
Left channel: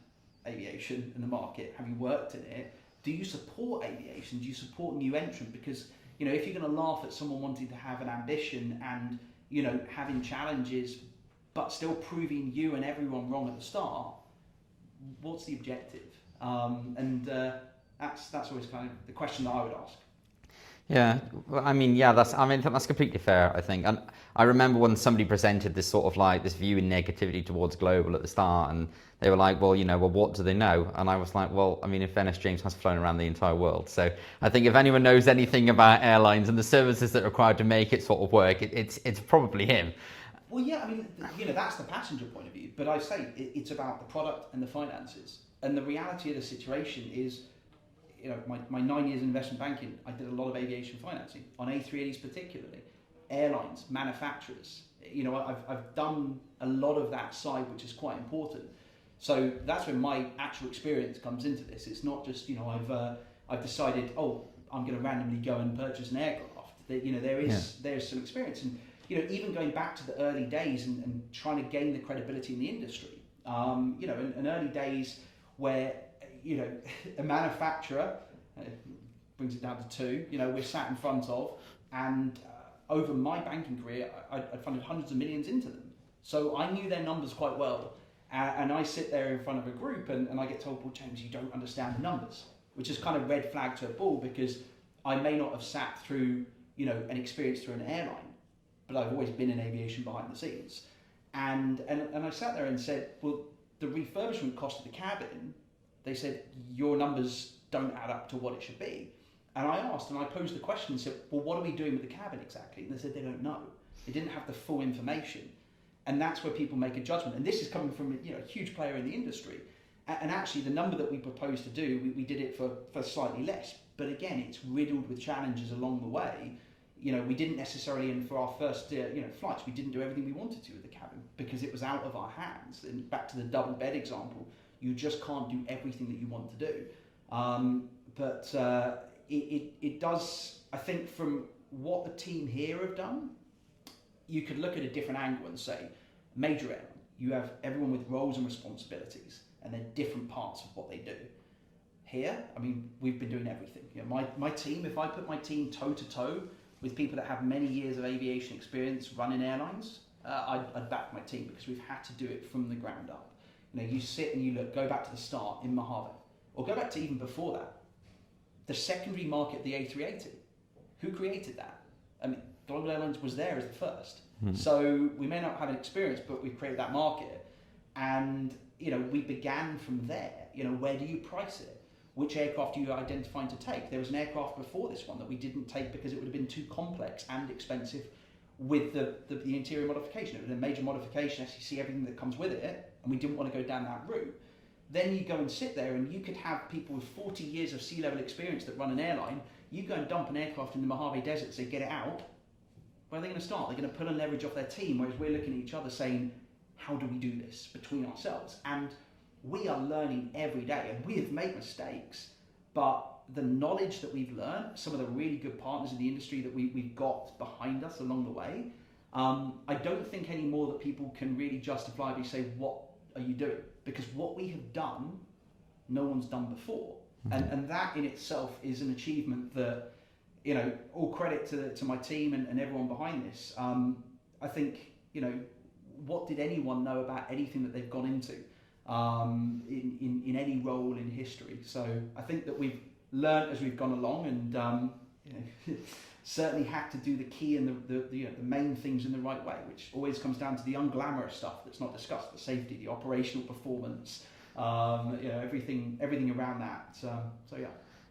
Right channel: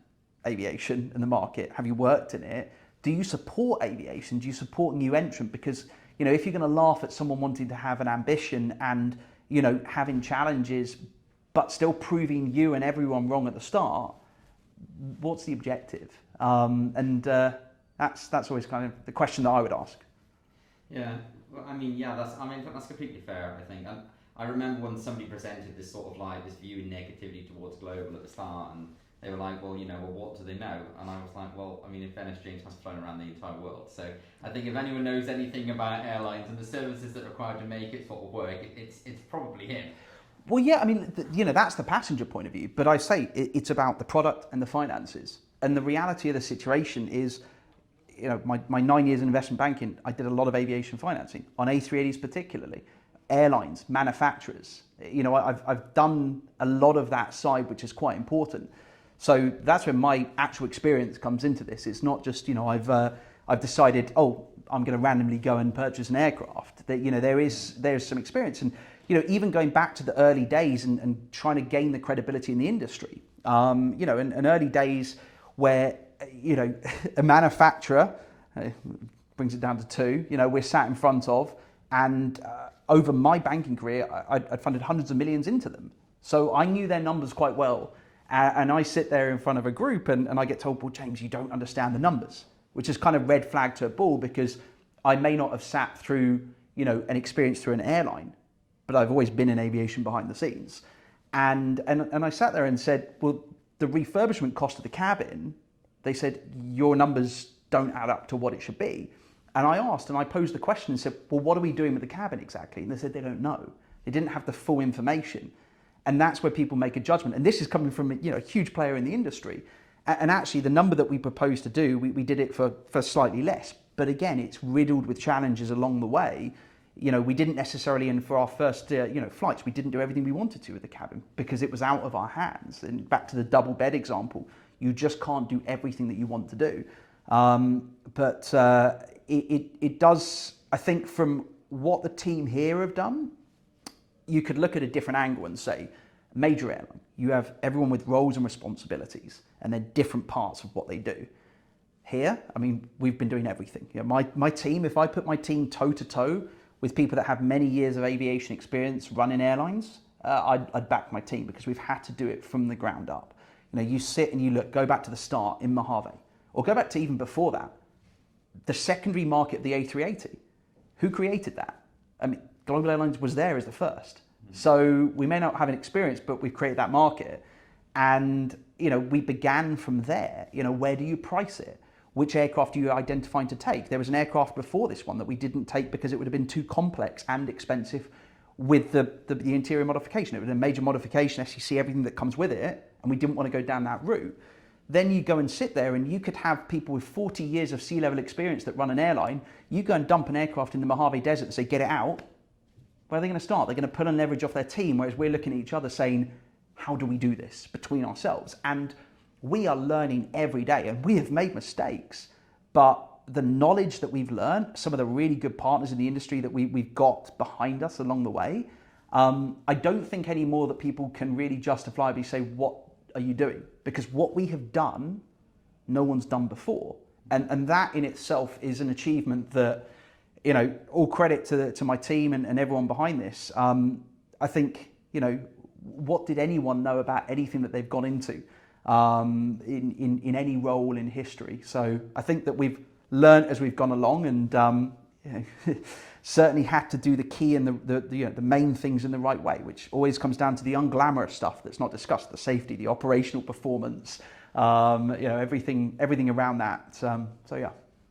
aviation and the market? Have you worked in it? Do you support aviation? Do you support a new entrant? Because if you're going to laugh at someone wanting to have an ambition and having challenges but still proving you and everyone wrong at the start, what's the objective? That's always kind of the question that I would ask. Yeah, well, that's completely fair, I think. And I remember when somebody presented this sort of like this view in negativity towards Global at the start, and they were like, well, what do they know? And I was like, well, in fairness, James has flown around the entire world. So I think if anyone knows anything about airlines and the services that are required to make it sort of work, it's probably him. Well, yeah, that's the passenger point of view, but I say it's about the product and the finances. And the reality of the situation is, my 9 years in investment banking, I did a lot of aviation financing, on A380s particularly, airlines, manufacturers. I've done a lot of that side, which is quite important. So that's where my actual experience comes into this. It's not just, I've decided, I'm going to randomly go and purchase an aircraft. There's some experience. And even going back to the early days and trying to gain the credibility in the industry, and early days where, a manufacturer, brings it down to two, we're sat in front of, and over my banking career, I'd funded hundreds of millions into them. So I knew their numbers quite well. And I sit there in front of a group and I get told, well, James, you don't understand the numbers, which is kind of red flag to a bull, because I may not have sat through, an experience through an airline, but I've always been in aviation behind the scenes. And I sat there and said, well, the refurbishment cost of the cabin, they said, your numbers don't add up to what it should be. And I asked, and I posed the question and said, well, what are we doing with the cabin exactly? And they said they don't know. They didn't have the full information. And that's where people make a judgment. And this is coming from a huge player in the industry. And actually, the number that we proposed to do, we did it for slightly less. But again, it's riddled with challenges along the way. We didn't necessarily, and for our first flights, we didn't do everything we wanted to with the cabin because it was out of our hands. And back to the double bed example, you just can't do everything that you want to do. But it does, I think, from what the team here have done, you could look at a different angle and say, major airline, you have everyone with roles and responsibilities, and they're different parts of what they do. Here, we've been doing everything. My team, if I put my team toe to toe with people that have many years of aviation experience running airlines, I'd back my team, because we've had to do it from the ground up. You know, you sit and you look, go back to the start in Mojave, or go back to even before that, the secondary market of the A380. Who created that? I mean, Global Airlines was there as the first. So we may not have an experience, but we've created that market. And, you know, we began from there. You know, where do you price it? Which aircraft are you identifying to take? There was an aircraft before this one that we didn't take because it would have been too complex and expensive with the interior modification. It was a major modification, SEC, everything that comes with it, and we didn't want to go down that route. Then you go and sit there and you could have people with 40 years of sea level experience that run an airline. You go and dump an aircraft in the Mojave Desert and say, get it out. Where are they going to start? They're going to pull and leverage off their team, whereas we're looking at each other saying, how do we do this between ourselves? And we are learning every day, and we have made mistakes, but the knowledge that we've learned, some of the really good partners in the industry that we've got behind us along the way, I don't think anymore that people can really justifiably say, what are you doing? Because what we have done, no one's done before. And that in itself is an achievement that, you know, all credit to my team and everyone behind this. I think, you know, what did anyone know about anything that they've gone into in any role in history? So I think that we've learned as we've gone along, and you know, certainly had to do the key and the main things in the right way, which always comes down to the unglamorous stuff that's not discussed: the safety, the operational performance, you know, everything around that. So yeah.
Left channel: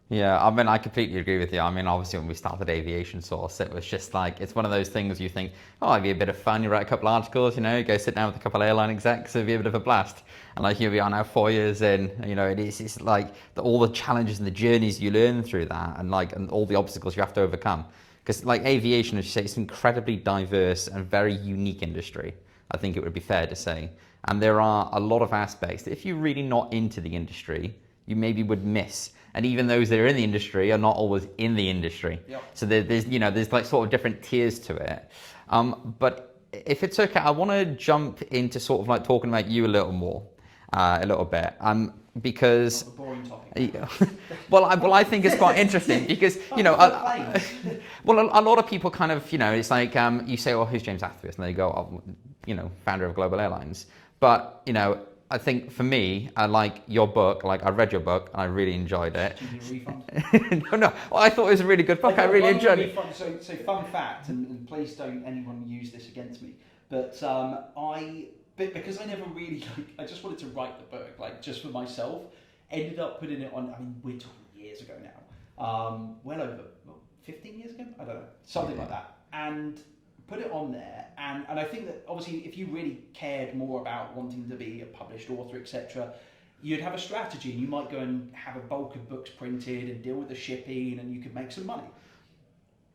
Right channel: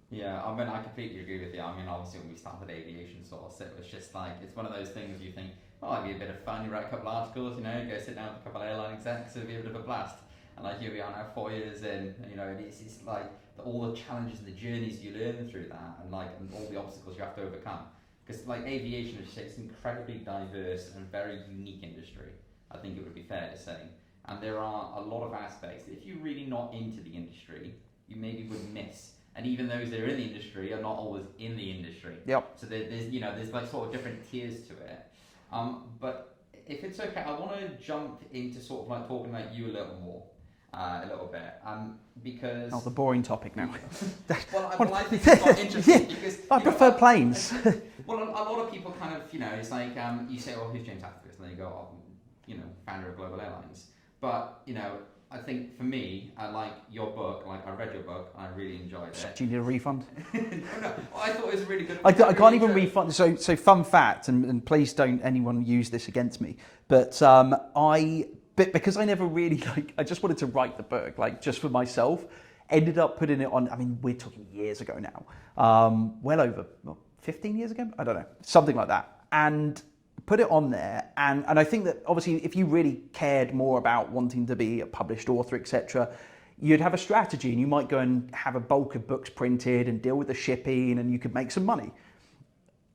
Yeah, I mean, I completely agree with you. I mean, obviously, when we started AviationSource, it was just like, it's one of those things you think, oh, it'd be a bit of fun. You write a couple of articles, you know, you go sit down with a couple of airline execs, it'd be a bit of a blast. And like, here we are now 4 years in, you know, it's like all the challenges and the journeys you learn through that, and all the obstacles you have to overcome. Because like aviation, as you say, it's an incredibly diverse and very unique industry, I think it would be fair to say. And there are a lot of aspects that if you're really not into the industry, you maybe would miss. And even those that are in the industry are not always in the industry. Yep. So there's like sort of different tiers to it. But if it's okay, I want to jump into sort of like talking about you a little more, a little bit, because Not the boring topic now. well, I think it's quite interesting because you know, planes. Well, a lot of people kind of, you know, it's like you say, oh, who's James Asquith? And they go, oh, you know, founder of Global Airlines. But you know, I think for me, I like your book. Like I read your book, and I really enjoyed it. Did you get a refund? No. Well, I thought it was a really good book. I really got a refund. So fun fact, and please don't anyone use this against me, but because I never really I just wanted to write the book, like just for myself. Ended up putting it on. I mean, we're talking years ago now, well over 15 years ago. I don't know, something like that, and put it on there, and I think that obviously if you really cared more about wanting to be a published author, etc., you'd have a strategy, and you might go and have a bulk of books printed and deal with the shipping, and you could make some money.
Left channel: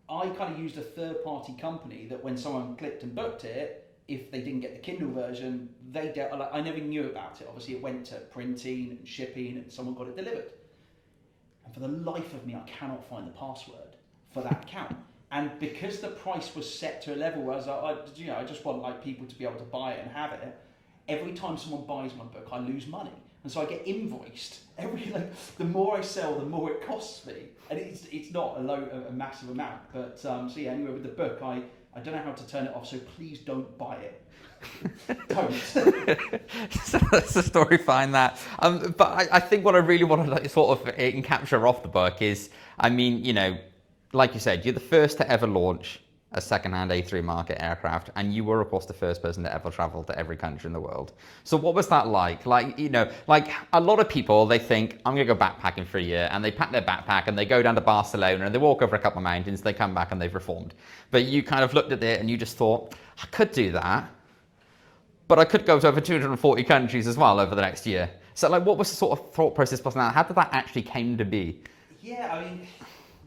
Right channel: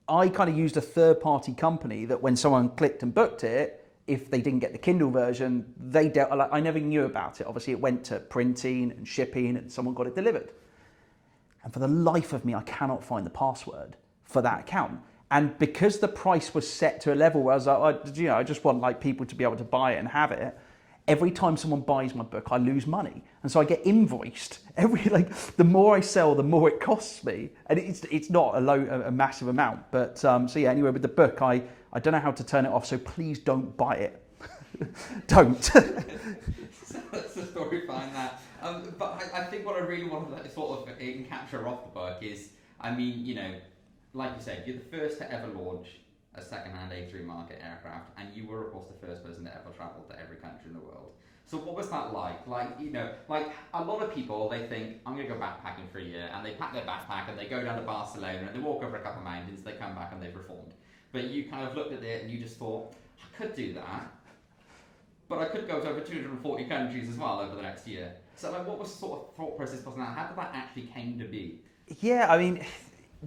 I kind of used a third-party company that when someone clicked and booked it, if they didn't get the Kindle version, they dealt. Like, I never knew about it. Obviously, it went to printing and shipping, and someone got it delivered. And for the life of me, I cannot find the password for that account. And because the price was set to a level where I was like, I just want like people to be able to buy it and have it. Every time someone buys my book, I lose money, and so I get invoiced the more I sell, the more it costs me, and it's not a massive amount. But so yeah, anyway, with the book, I don't know how to turn it off, so please don't buy it. Don't. So that's the story behind that. But I think what I really want to like, sort of capture off the book is, I mean, you know, like you said, you're the first to ever launch a second-hand A3 market aircraft, and you were, of course, the first person to ever travel to every country in the world. So what was that like? Like, you know, like a lot of people, they think, I'm going to go backpacking for a year, and they pack their backpack, and they go down to Barcelona, and they walk over a couple of mountains, they come back, and they've reformed. But you kind of looked at it, and you just thought, I could do that, but I could go to over 240 countries as well over the next year. So, like, what was the sort of thought process behind that? How did that actually came to be? Yeah, I mean,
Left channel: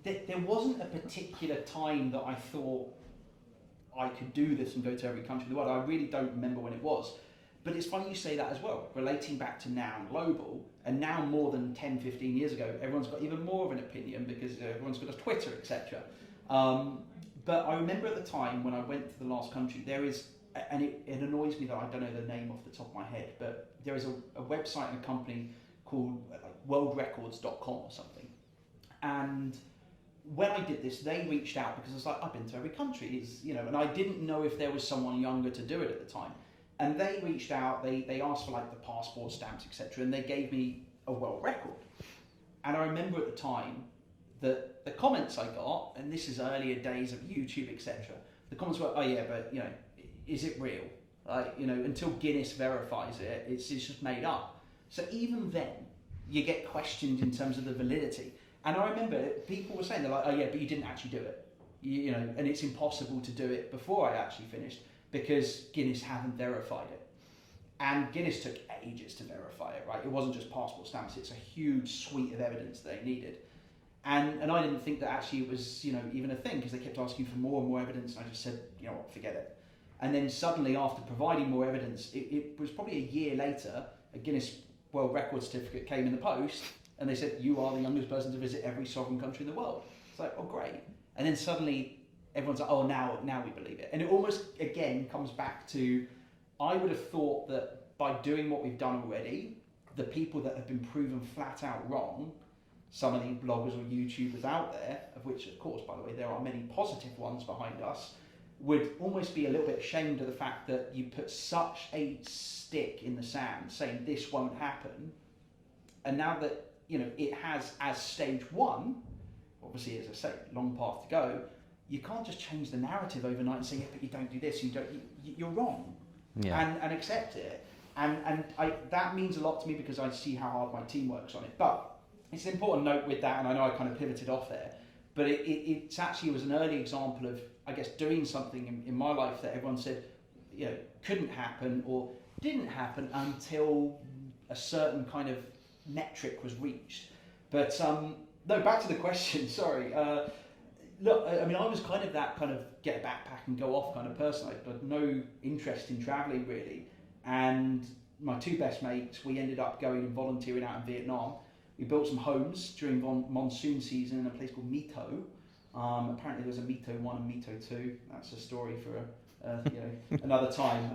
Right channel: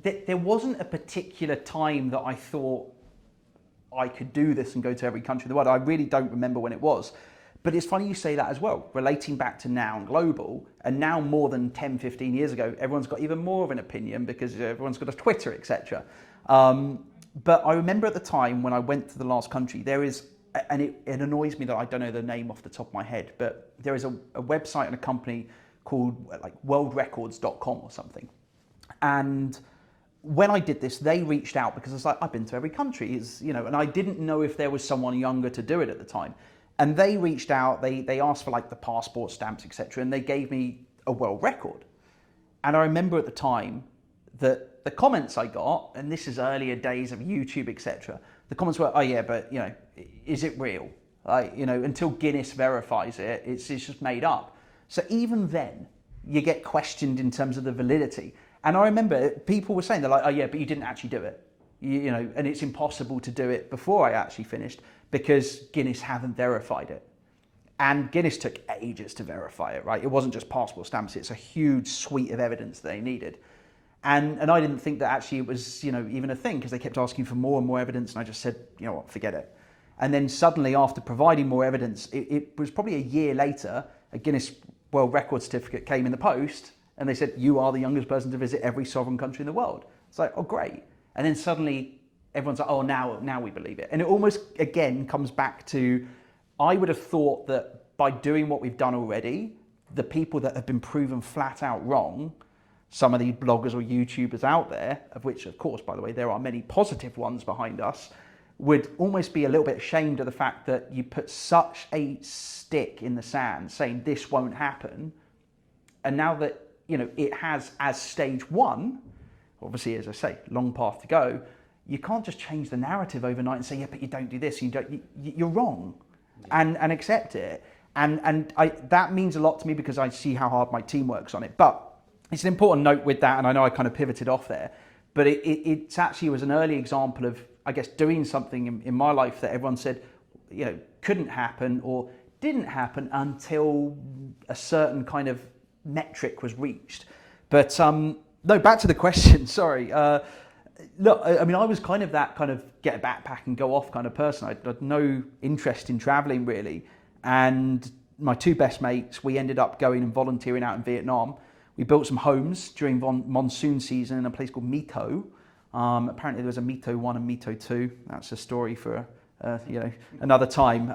there wasn't a particular time that I thought I could do this and go to every country in the world. I really don't remember when it was. But it's funny you say that as well, relating back to now and global, and now more than 10, 15 years ago, everyone's got even more of an opinion because everyone's got a Twitter, etc. But I remember at the time when I went to the last country, there is, and it annoys me that I don't know the name off the top of my head, but there is a website and a company called like worldrecords.com or something. And when I did this, they reached out because it's like, I've been to every country, and I didn't know if there was someone younger to do it at the time. And they reached out, they asked for like the passport stamps, etc. And they gave me a world record. And I remember at the time that the comments I got, and this is earlier days of YouTube, etc. The comments were, oh yeah, but is it real? Like, until Guinness verifies it, it's just made up. So even then, you get questioned in terms of the validity. And I remember people were saying, they're like, oh yeah, but you didn't actually do it. And it's impossible to do it before I actually finished because Guinness haven't verified it. And Guinness took ages to verify it, right? It wasn't just passport stamps, it's a huge suite of evidence that they needed. And I didn't think that actually it was, even a thing because they kept asking for more and more evidence and I just said, you know what, forget it. And then suddenly after providing more evidence, it was probably a year later, a Guinness World Record certificate came in the post and they said, you are the youngest person to visit every sovereign country in the world. It's like, oh, great. And then suddenly everyone's like, oh, now we believe it. And it almost, again, comes back to, I would have thought that by doing what we've done already, the people that have been proven flat out wrong, some of these bloggers or YouTubers out there, of which, of course, by the way, there are many positive ones behind us, would almost be a little bit ashamed of the fact that you put such a stick in the sand saying this won't happen. And now that, it has as stage one, obviously, as I say, long path to go, you can't just change the narrative overnight and say, yeah, but you don't do this, you're wrong. Yeah. And accept it. And that means a lot to me because I see how hard my team works on it. But it's an important note with that, and I know I kind of pivoted off there, but it actually was an early example of, I guess, doing something in my life that everyone said, couldn't happen or didn't happen until a certain kind of metric was reached. But no, back to the question, sorry. Look, I mean, I was kind of that kind of get a backpack and go off kind of person. I had no interest in traveling really. And my two best mates, we ended up going and volunteering out in Vietnam. We built some homes during monsoon season in a place called Mito. Apparently there was a Mito 1 and Mito 2. That's a story for another time.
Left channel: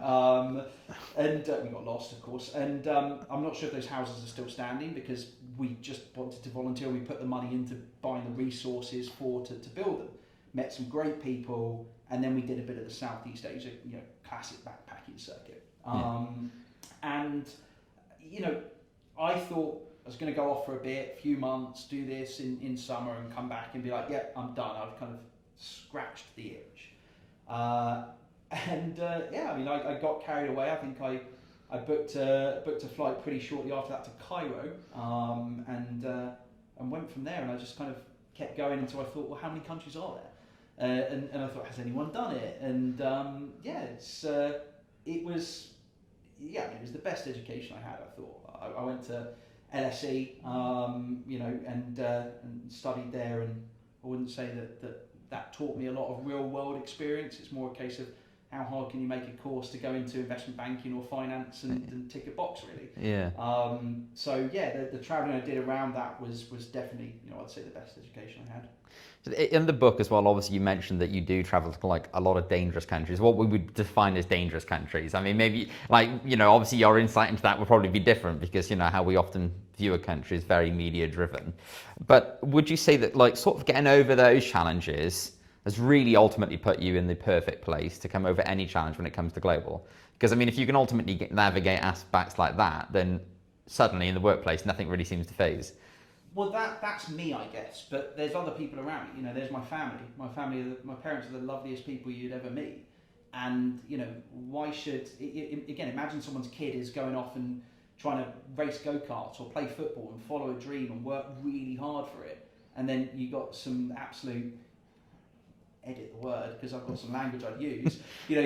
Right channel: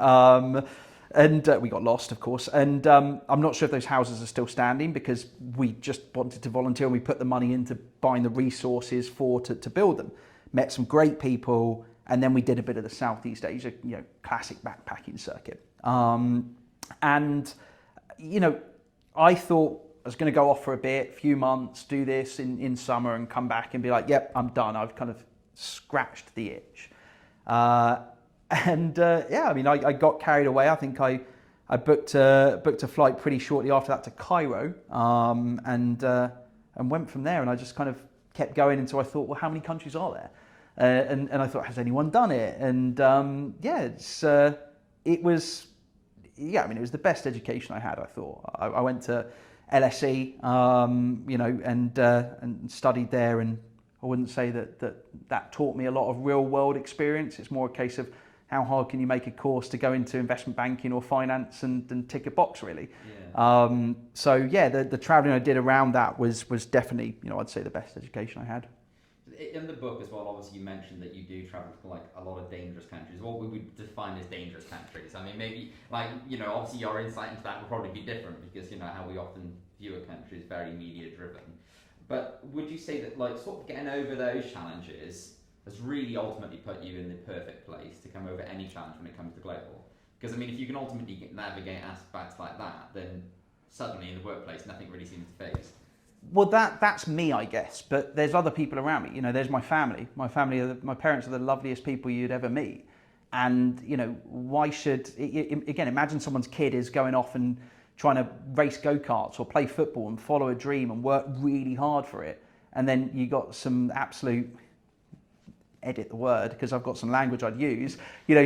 And we got lost, of course. And I'm not sure if those houses are still standing because we just wanted to volunteer and we put the money into buying the resources to build them. Met some great people, and then we did a bit of the Southeast Asia, classic backpacking circuit. And I thought I was going to go off for a bit, few months, do this in summer and come back and be like, yep, I'm done. I've kind of scratched the itch. I got carried away. I think I booked a flight pretty shortly after that to Cairo and went from there. And I just kind of kept going until I thought, well, how many countries are there? And I thought, has anyone done it? And it was the best education I had, I thought. I went to LSE, and studied there, and I wouldn't say that taught me a lot of real world experience. It's more a case of how hard can you make a course to go into investment banking or finance and tick a box, really. Yeah. The traveling I did around that was definitely, I'd say the best education I had. In the book as well, obviously you mentioned that you do travel to like a lot of dangerous countries. What we would define as dangerous countries? I mean, maybe obviously your insight into that will probably be different because how we often view a country is very media driven. But would you say that sort of getting over those challenges has really ultimately put you in the perfect place to come over any challenge when it comes to global? Because I mean, if you can ultimately navigate aspects like that, then suddenly in the workplace, nothing really seems to faze. Well, that's me, I guess. But there's other people around me. There's my family. My parents are the loveliest people you'd ever meet. And why should again? Imagine someone's kid is going off and trying to race go-karts or play football and follow a dream and work really hard for it, and then you got some absolute, edit the word because I've got some language I'd use,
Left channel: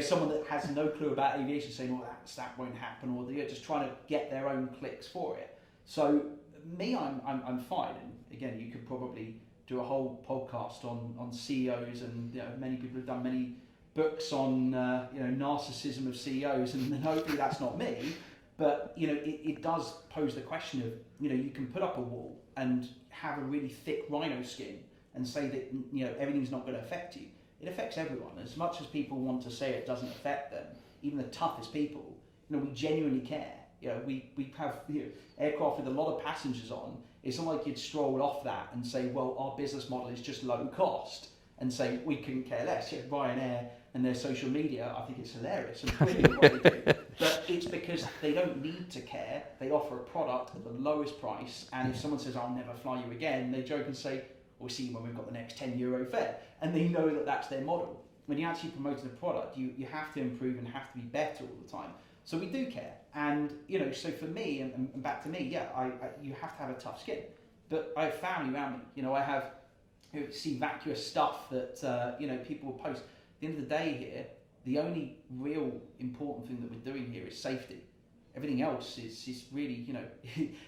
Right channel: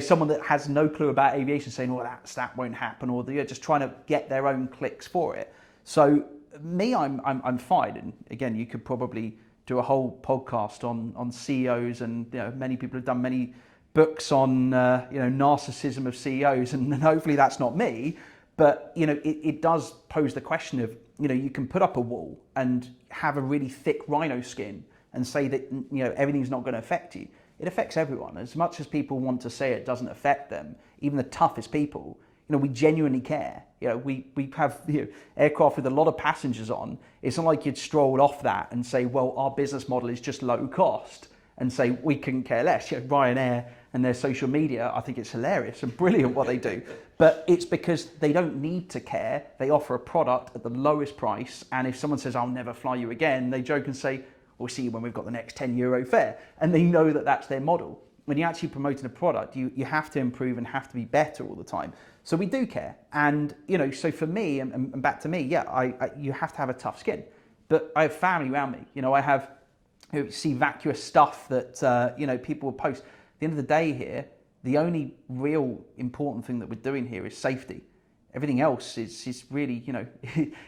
someone that has no clue about aviation saying, well, that won't happen, or they're just trying to get their own clicks for it. So me, I'm fine. And again, you could probably do a whole podcast on CEOs, and many people have done many books on narcissism of CEOs, and hopefully that's not me. But it does pose the question of you can put up a wall and have a really thick rhino skin and say that everything's not going to affect you. It affects everyone. As much as people want to say it doesn't affect them, even the toughest people, we genuinely care. We have aircraft with a lot of passengers on. It's not like you'd stroll off that and say, well, our business model is just low cost, and say we couldn't care less. Ryanair and their social media, I think it's hilarious and brilliant what they do. But it's because they don't need to care. They offer a product at the lowest price, and if someone says, I'll never fly you again, they joke and say, we'll see you when we've got the next €10 fare. And they know that that's their model. When you're actually promoting a product, you have to improve and have to be better all the time. So we do care. And, so for me, and back to me, you have to have a tough skin. But I have family around me. I have see vacuous stuff that, people will post. At the end of the day here, the only real important thing that we're doing here is safety. Everything else is really,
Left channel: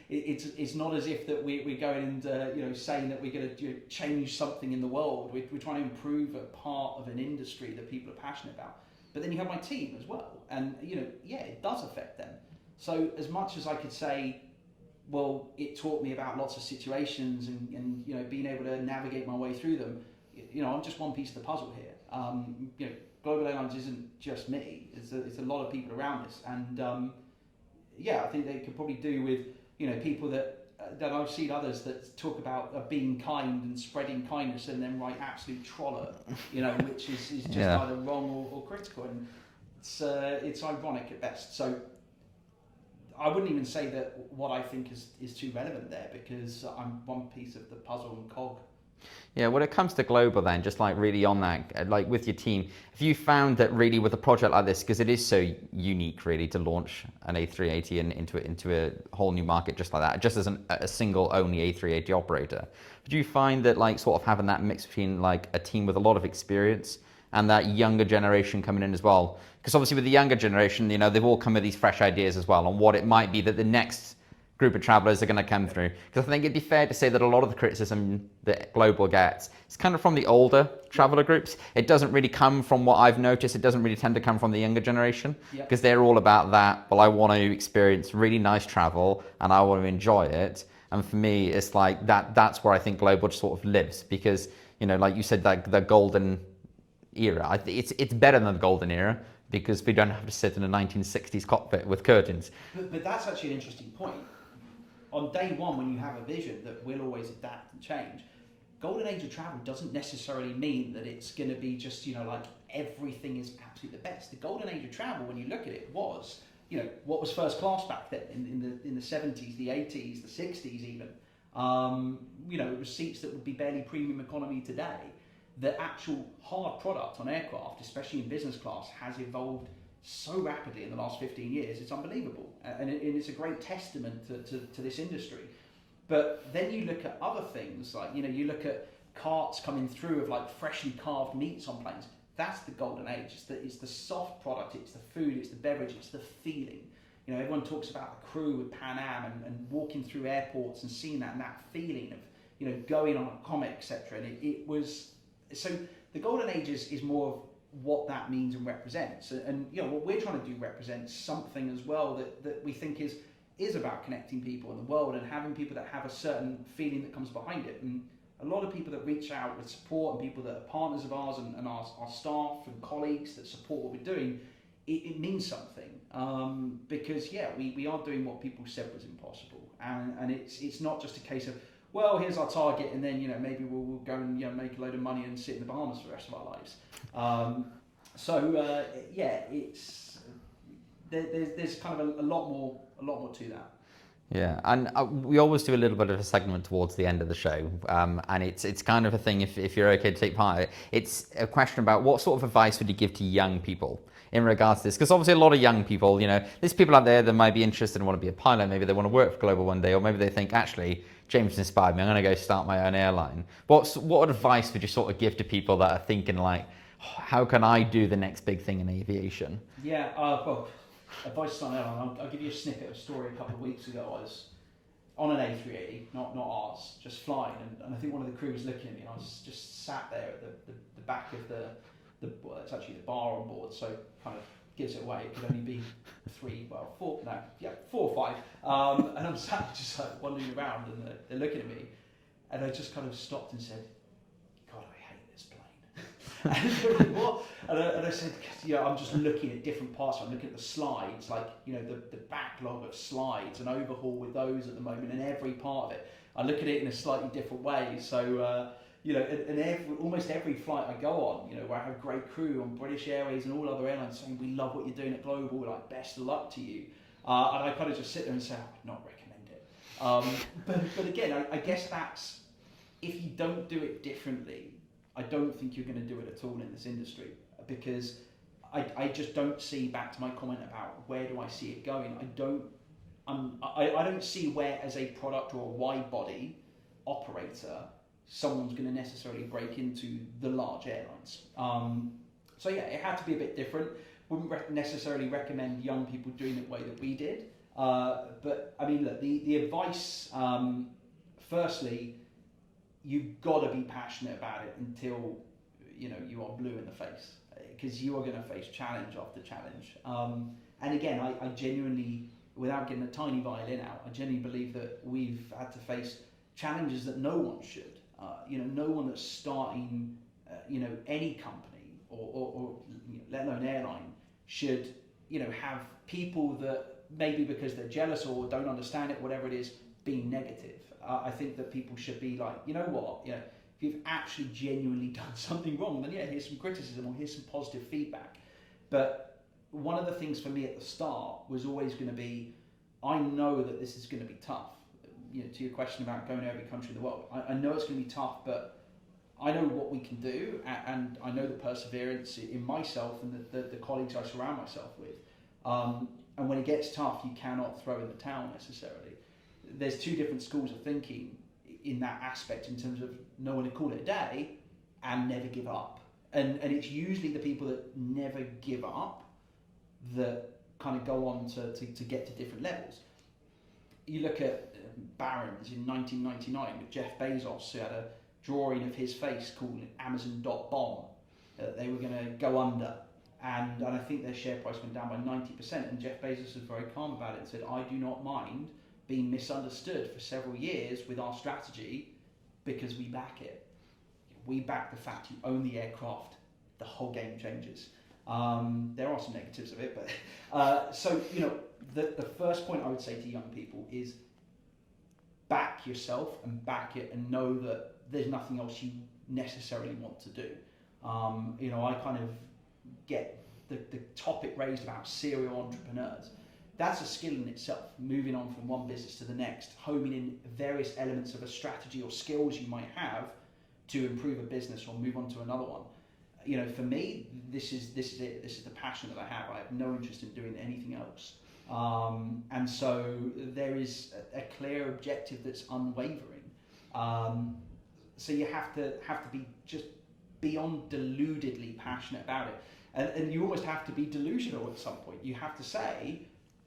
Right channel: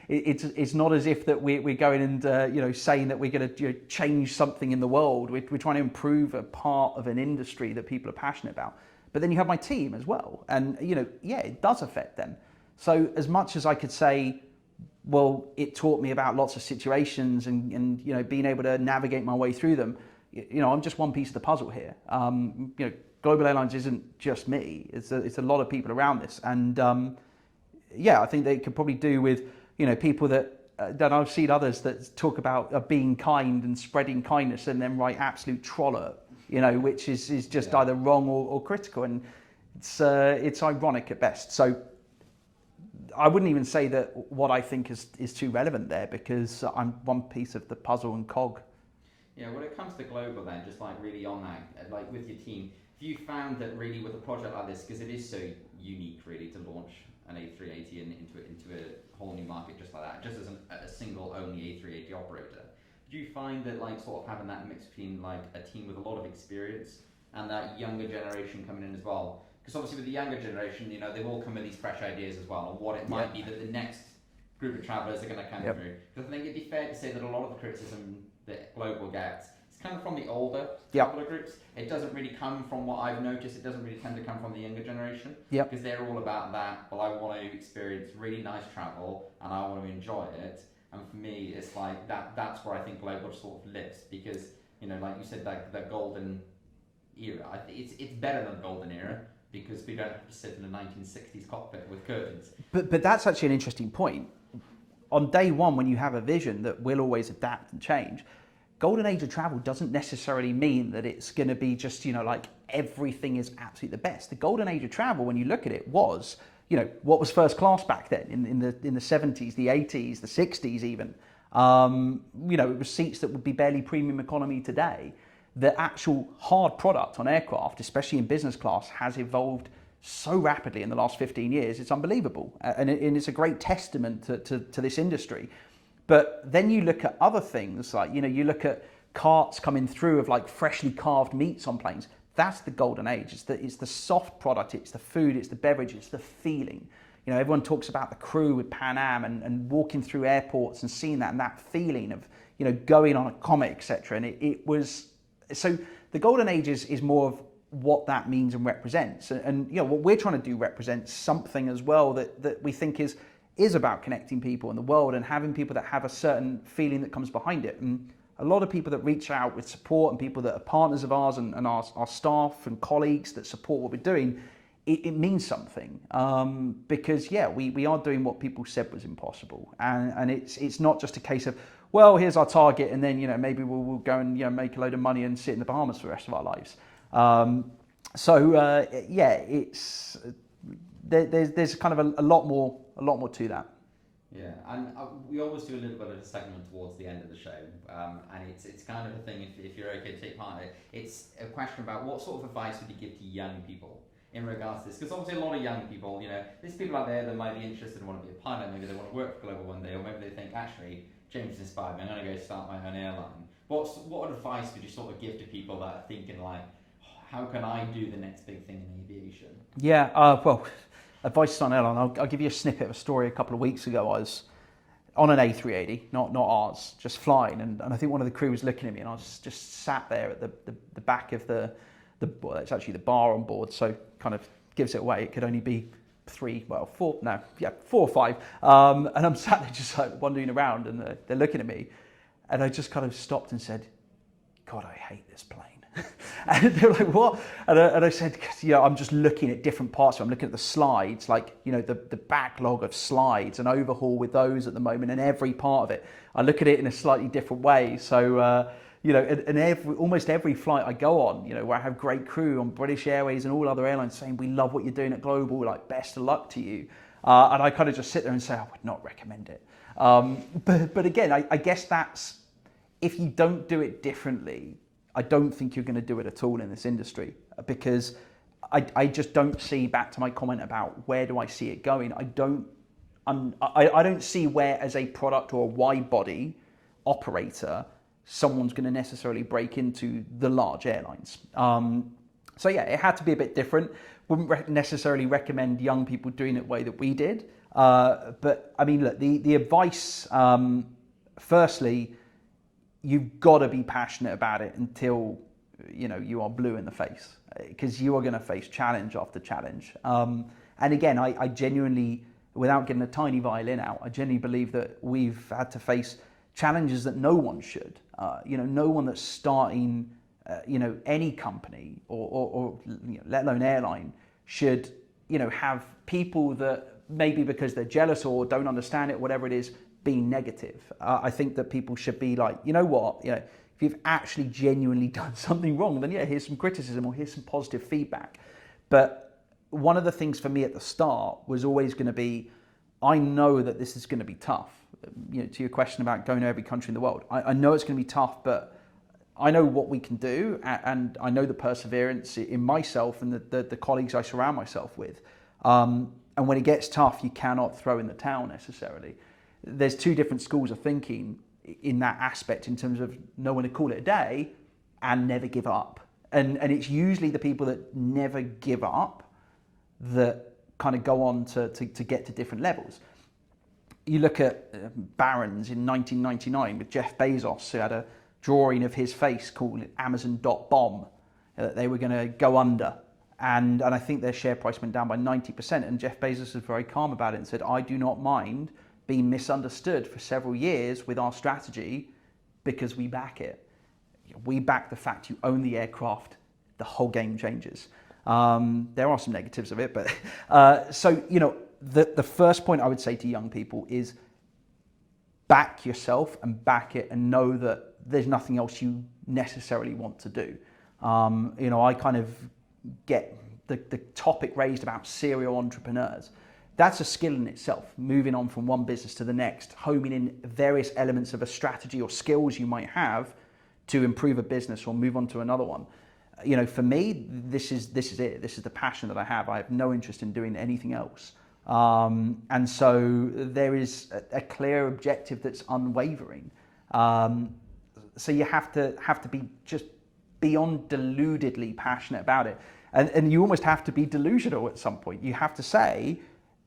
it's not as if that we're going and, saying that we're going to change something in the world. We're trying to improve a part of an industry that people are passionate about. But then you have my team as well. And, it does affect them. So as much as I could say, well, it taught me about lots of situations and being able to navigate my way through them, I'm just one piece of the puzzle here. Global Airlines isn't just me. It's a lot of people around this. And, I think they could probably do with, people that I've seen others that talk about being kind and spreading kindness and then write absolute troller, which is just either wrong or critical. And it's ironic at best. So I wouldn't even say that what I think is too relevant there, because I'm one piece of the puzzle and cog. Yeah, when it comes to global then, just like really on that, like with your team, have you found that really with a project like this, because it is so unique really to launch an A380 and into a whole new market just like that, just as a single only A380 operator, do you find that like sort of having that mix between like a team with a lot of experience and that younger generation coming in as well? Because obviously with the younger generation, they've all come with these fresh ideas as well on what it might be that the next group of travellers are going to come through. Because I think it'd be fair to say that a lot of the criticism that Global gets is kind of from the older traveller groups. It doesn't really come from what I've noticed. It doesn't really tend to come from the younger generation. Because they're all about that, well, I want to experience really nice travel and I want to enjoy it. And for me, it's like that's where I think Global just sort of lives. Because, like you said, like the golden era, it's better than the golden era, because we don't have to sit in a 1960s cockpit with curtains. But that's actually an interesting point. On day one, when you have a vision that will always adapt and change, golden age of travel doesn't necessarily mean that it's going to be just, like everything is absolutely the best. The golden age of travel, when you look at it, was, what was first class back then in the 70s, the 80s, the 60s even. It was seats that would be barely premium economy today. The actual hard product on aircraft, especially in business class, has evolved so rapidly in the last 15 years, it's unbelievable. And it's a great testament to this industry. But then you look at other things, like, you look at carts coming through of like freshly carved meats on planes. That's the golden age. It's the soft product, it's the food, it's the beverage, it's the feeling. Everyone talks about the crew with Pan Am and walking through airports and seeing that, and that feeling of, going on a comet, etc. And it was, so the golden age is more of what that means and represents. And what we're trying to do represents something as well that we think is about connecting people in the world and having people that have a certain feeling that comes behind it. And a lot of people that reach out with support and people that are partners of ours and our staff and colleagues that support what we're doing, it means something. Because we are doing what people said was impossible. And it's not just a case of, well, here's our target, and then maybe we'll go and make a load of money and sit in the Bahamas for the rest of our lives. It's there's kind of a lot more to that. Yeah, and we always do a little bit of a segment towards the end of the show, and it's kind of a thing, if you're okay to take part. It's a question about what sort of advice would you give to young people in regards to this? Because obviously a lot of young people, there's people out there that might be interested and want to be a pilot. Maybe they want to work for Global one day, or maybe they think, actually, James inspired me, I'm going to go start my own airline. What advice would you sort of give to people that are thinking like, how can I do the next big thing in aviation? Well, advice on airline. I'll give you a snippet of a story. A couple of weeks ago, I was on an A380, not ours, just flying, and I think one of the crew was looking at me, and I was just sat there at the back of well, it's actually the bar on board, so kind of gives it away. It could only be four or five, and I'm sat there just like wandering around, and they're looking at me, and I just kind of stopped and said, God, I hate this plane. And they were like, what? And I said, I'm just looking at different parts. I'm looking at the slides, like, the backlog of slides and overhaul with those at the moment, and every part of it. I look at it in a slightly different way. So, and almost every flight I go on, where I have great crew on British Airways and all other airlines saying, we love what you're doing at Global, like, best of luck to you. And I kind of just sit there and say, I would not recommend it. But again, I guess that's, if you don't do it differently, I don't think you're going to do it at all in this industry, because I just don't see, back to my comment about where do I see it going, I don't see where, as a product or a wide body operator, someone's going to necessarily break into the large airlines. So yeah, it had to be a bit different. Wouldn't necessarily recommend young people doing it the way that we did. But I mean, look, the advice, firstly, you've got to be passionate about it until you are blue in the face, because you are going to face challenge after challenge. And again, I genuinely, without getting a tiny violin out, I genuinely believe that we've had to face challenges that no one should. No one that's starting, any company or let alone airline should, have people that maybe because they're jealous or don't understand it, whatever it is, being negative. I think that people should be like, if you've actually genuinely done something wrong, then here's some criticism or here's some positive feedback. But one of the things for me at the start was always going to be, I know that this is going to be tough. To your question about going to every country in the world, I know it's going to be tough, but I know what we can do, and I know the perseverance in myself and the colleagues I surround myself with. And when it gets tough, you cannot throw in the towel necessarily. There's two different schools of thinking in that aspect, in terms of know when to call it a day and never give up. And it's usually the people that never give up that kind of go on to get to different levels. You look at Barron's in 1999 with Jeff Bezos, who had a drawing of his face called Amazon.bomb, that they were going to go under. And I think their share price went down by 90%. And Jeff Bezos was very calm about it and said, I do not mind being misunderstood for several years with our strategy, because we back it. We back the fact you own the aircraft, the whole game changes. There are some negatives of it, but the first point I would say to young people is back yourself and back it, and know that there's nothing else you necessarily want to do. I kind of get the topic raised about serial entrepreneurs. That's a skill in itself, moving on from one business to the next, homing in various elements of a strategy or skills you might have to improve a business or move on to another one. For me, this is it. This is the passion that I have. I have no interest in doing anything else. And so there is a clear objective that's unwavering. So you have to be just beyond deludedly passionate about it. And you almost have to be delusional at some point. You have to say,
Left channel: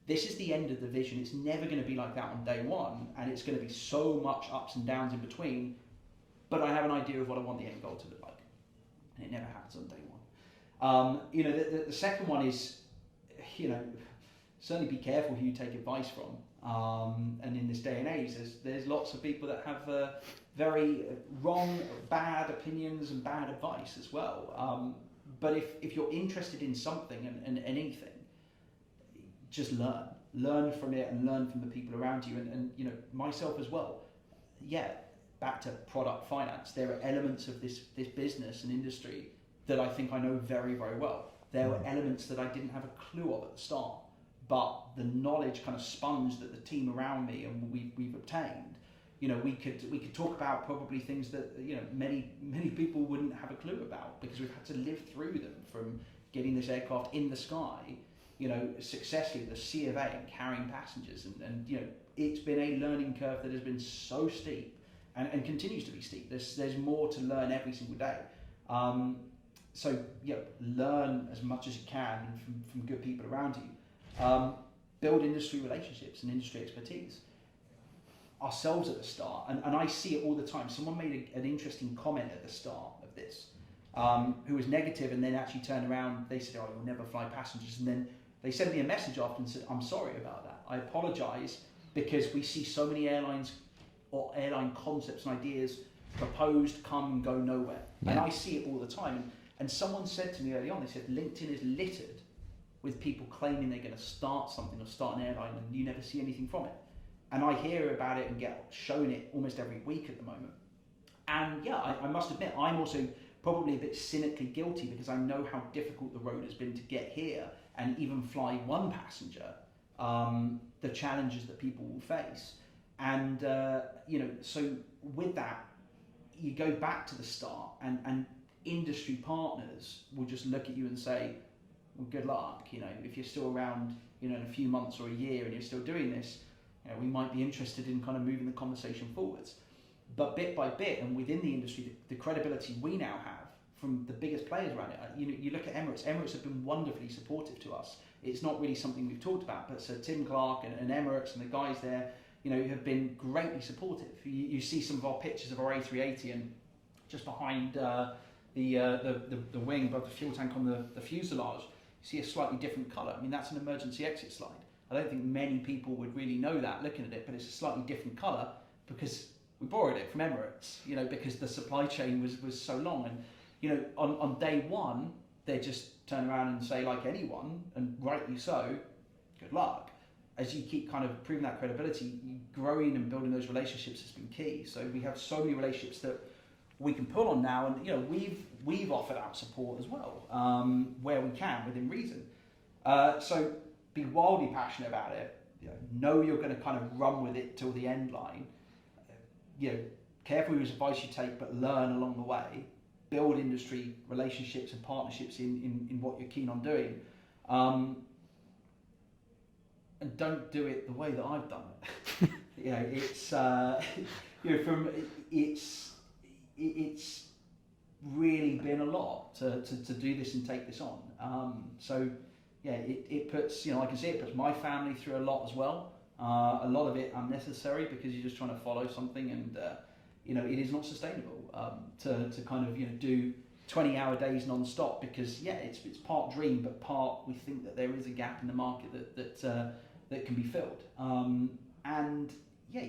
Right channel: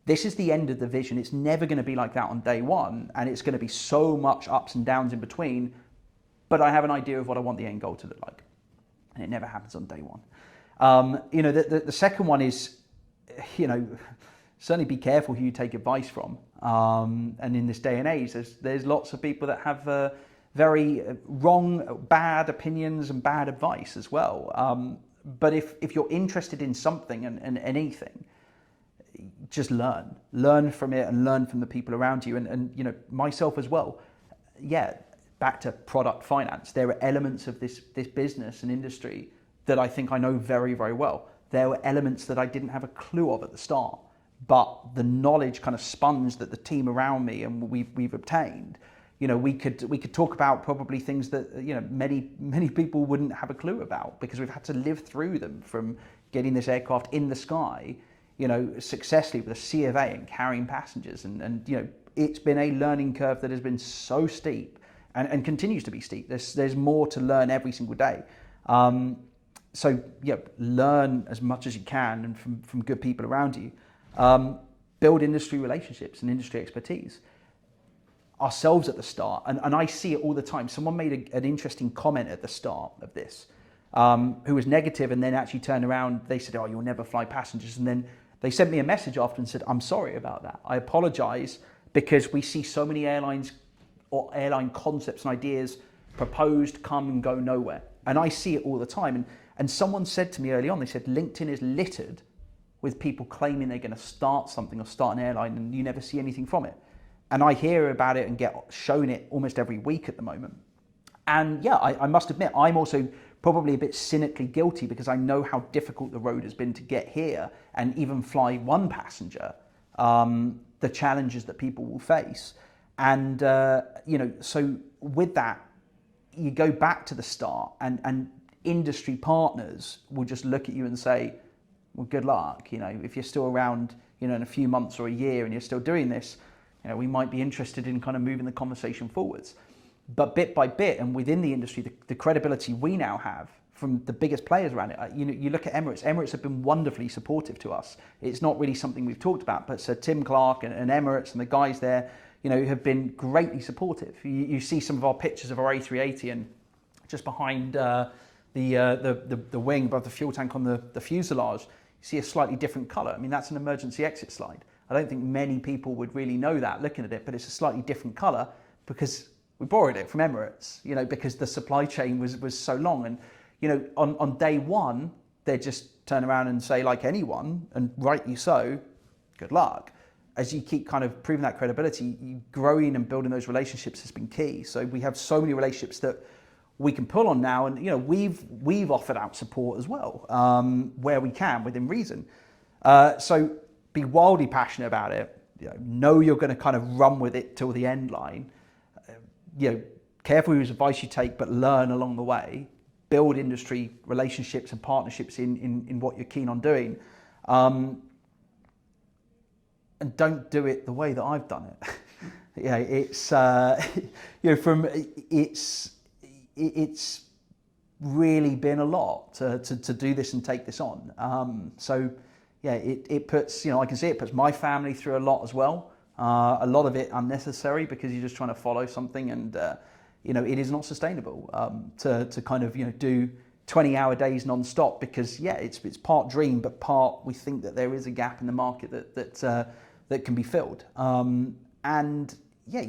this is the end of the vision. It's never going to be like that on day one. And it's going to be so much ups and downs in between. But I have an idea of what I want the end goal to look like. And it never happens on day one. The second one is, certainly be careful who you take advice from. And in this day and age, there's lots of people that have very wrong, bad opinions and bad advice as well. But if you're interested in something and anything, just learn from it and learn from the people around you. And myself as well. Yeah, back to product finance. There are elements of this business and industry that I think I know very, very well. There were elements that I didn't have a clue of at the start, but the knowledge kind of sponge that the team around me and we've obtained, we could talk about probably things that many people wouldn't have a clue about, because we've had to live through them, from getting this aircraft in the sky, successfully with a C of A and carrying passengers, and it's been a learning curve that has been so steep and continues to be steep. There's more to learn every single day. So learn as much as you can, and from good people around you. Build industry relationships and industry expertise. Ourselves at the start, and I see it all the time. Someone made an interesting comment at the start of this, who was negative, and then actually turned around. They said, "Oh, you'll never fly passengers," and then they sent me a message after and said, "I'm sorry about that. I apologise, because we see so many airlines or airline concepts and ideas proposed come and go nowhere." And I see it all the time. And someone said to me early on, they said LinkedIn is littered with people claiming they're going to start something or start an airline, and you never see anything from it. And I hear about it and get shown it almost every week at the moment. And yeah, I must admit, I'm also probably a bit cynically guilty, because I know how difficult the road has been to get here and even fly one passenger, the challenges that people will face. And, so with that, you go back to the start, and industry partners will just look at you and say, well, good luck. If you're still around, in a few months or a year and you're still doing this, we might be interested in kind of moving the conversation forwards. But bit by bit, and within the industry, the credibility we now have from the biggest players around it, you look at Emirates. Emirates have been wonderfully supportive to us. It's not really something we've talked about, but Sir Tim Clark and Emirates and the guys there, have been greatly supportive. You see some of our pictures of our A380, and just behind the wing above the fuel tank on the fuselage, you see a slightly different colour. I mean, that's an emergency exit slide. I don't think many people would really know that looking at it, but it's a slightly different colour because we borrowed it from Emirates, because the supply chain was so long. And, on day one, they just turn around and say, like anyone, and rightly so, good luck. As you keep kind of proving that credibility, growing and building those relationships has been key. So we have so many relationships that we can pull on now, and we've offered out support as well, where we can within reason. So be wildly passionate about it. Know you're going to kind of run with it till the end line. Careful whose advice you take, but learn along the way. Build industry relationships and partnerships in what you're keen on doing. And don't do it the way that I've done it. It's really been a lot to do this and take this on. It puts, I can see it puts my family through a lot as well. A lot of it unnecessary, because you're just trying to follow something, and it is not sustainable to kind of do 20-hour days non-stop, because it's part dream, but part we think that there is a gap in the market that can be filled. You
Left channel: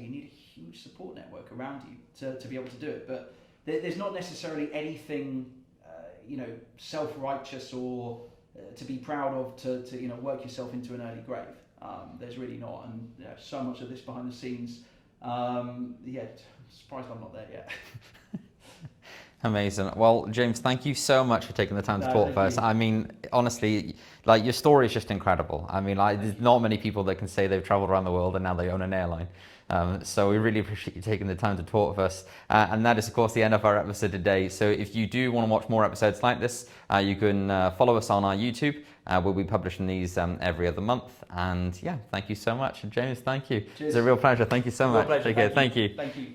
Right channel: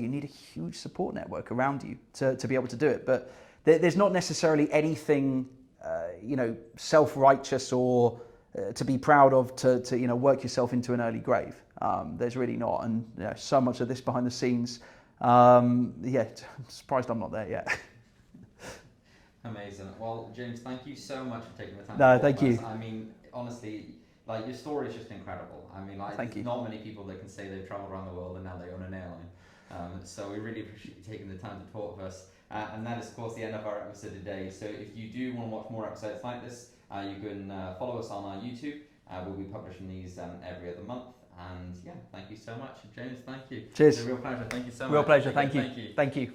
need a huge support network around you to be able to do it. But there's not necessarily anything self-righteous or to be proud of to work yourself into an early grave. There's really not, and so much of this behind the scenes. I'm surprised I'm not there yet. Amazing. Well, James, thank you so much for taking the time to talk to us. I mean, honestly, your story is just incredible. I mean, there's not many people that can say they've traveled around the world and now they own an airline. So we really appreciate you taking the time to talk with us. And that is, of course, the end of our episode today. So if you do want to watch more episodes like this, you can follow us on our YouTube. We'll be publishing these every other month. And thank you so much. And James, thank you. Cheers. It's a real pleasure. Thank you so much. Real pleasure. Thank you. Thank you.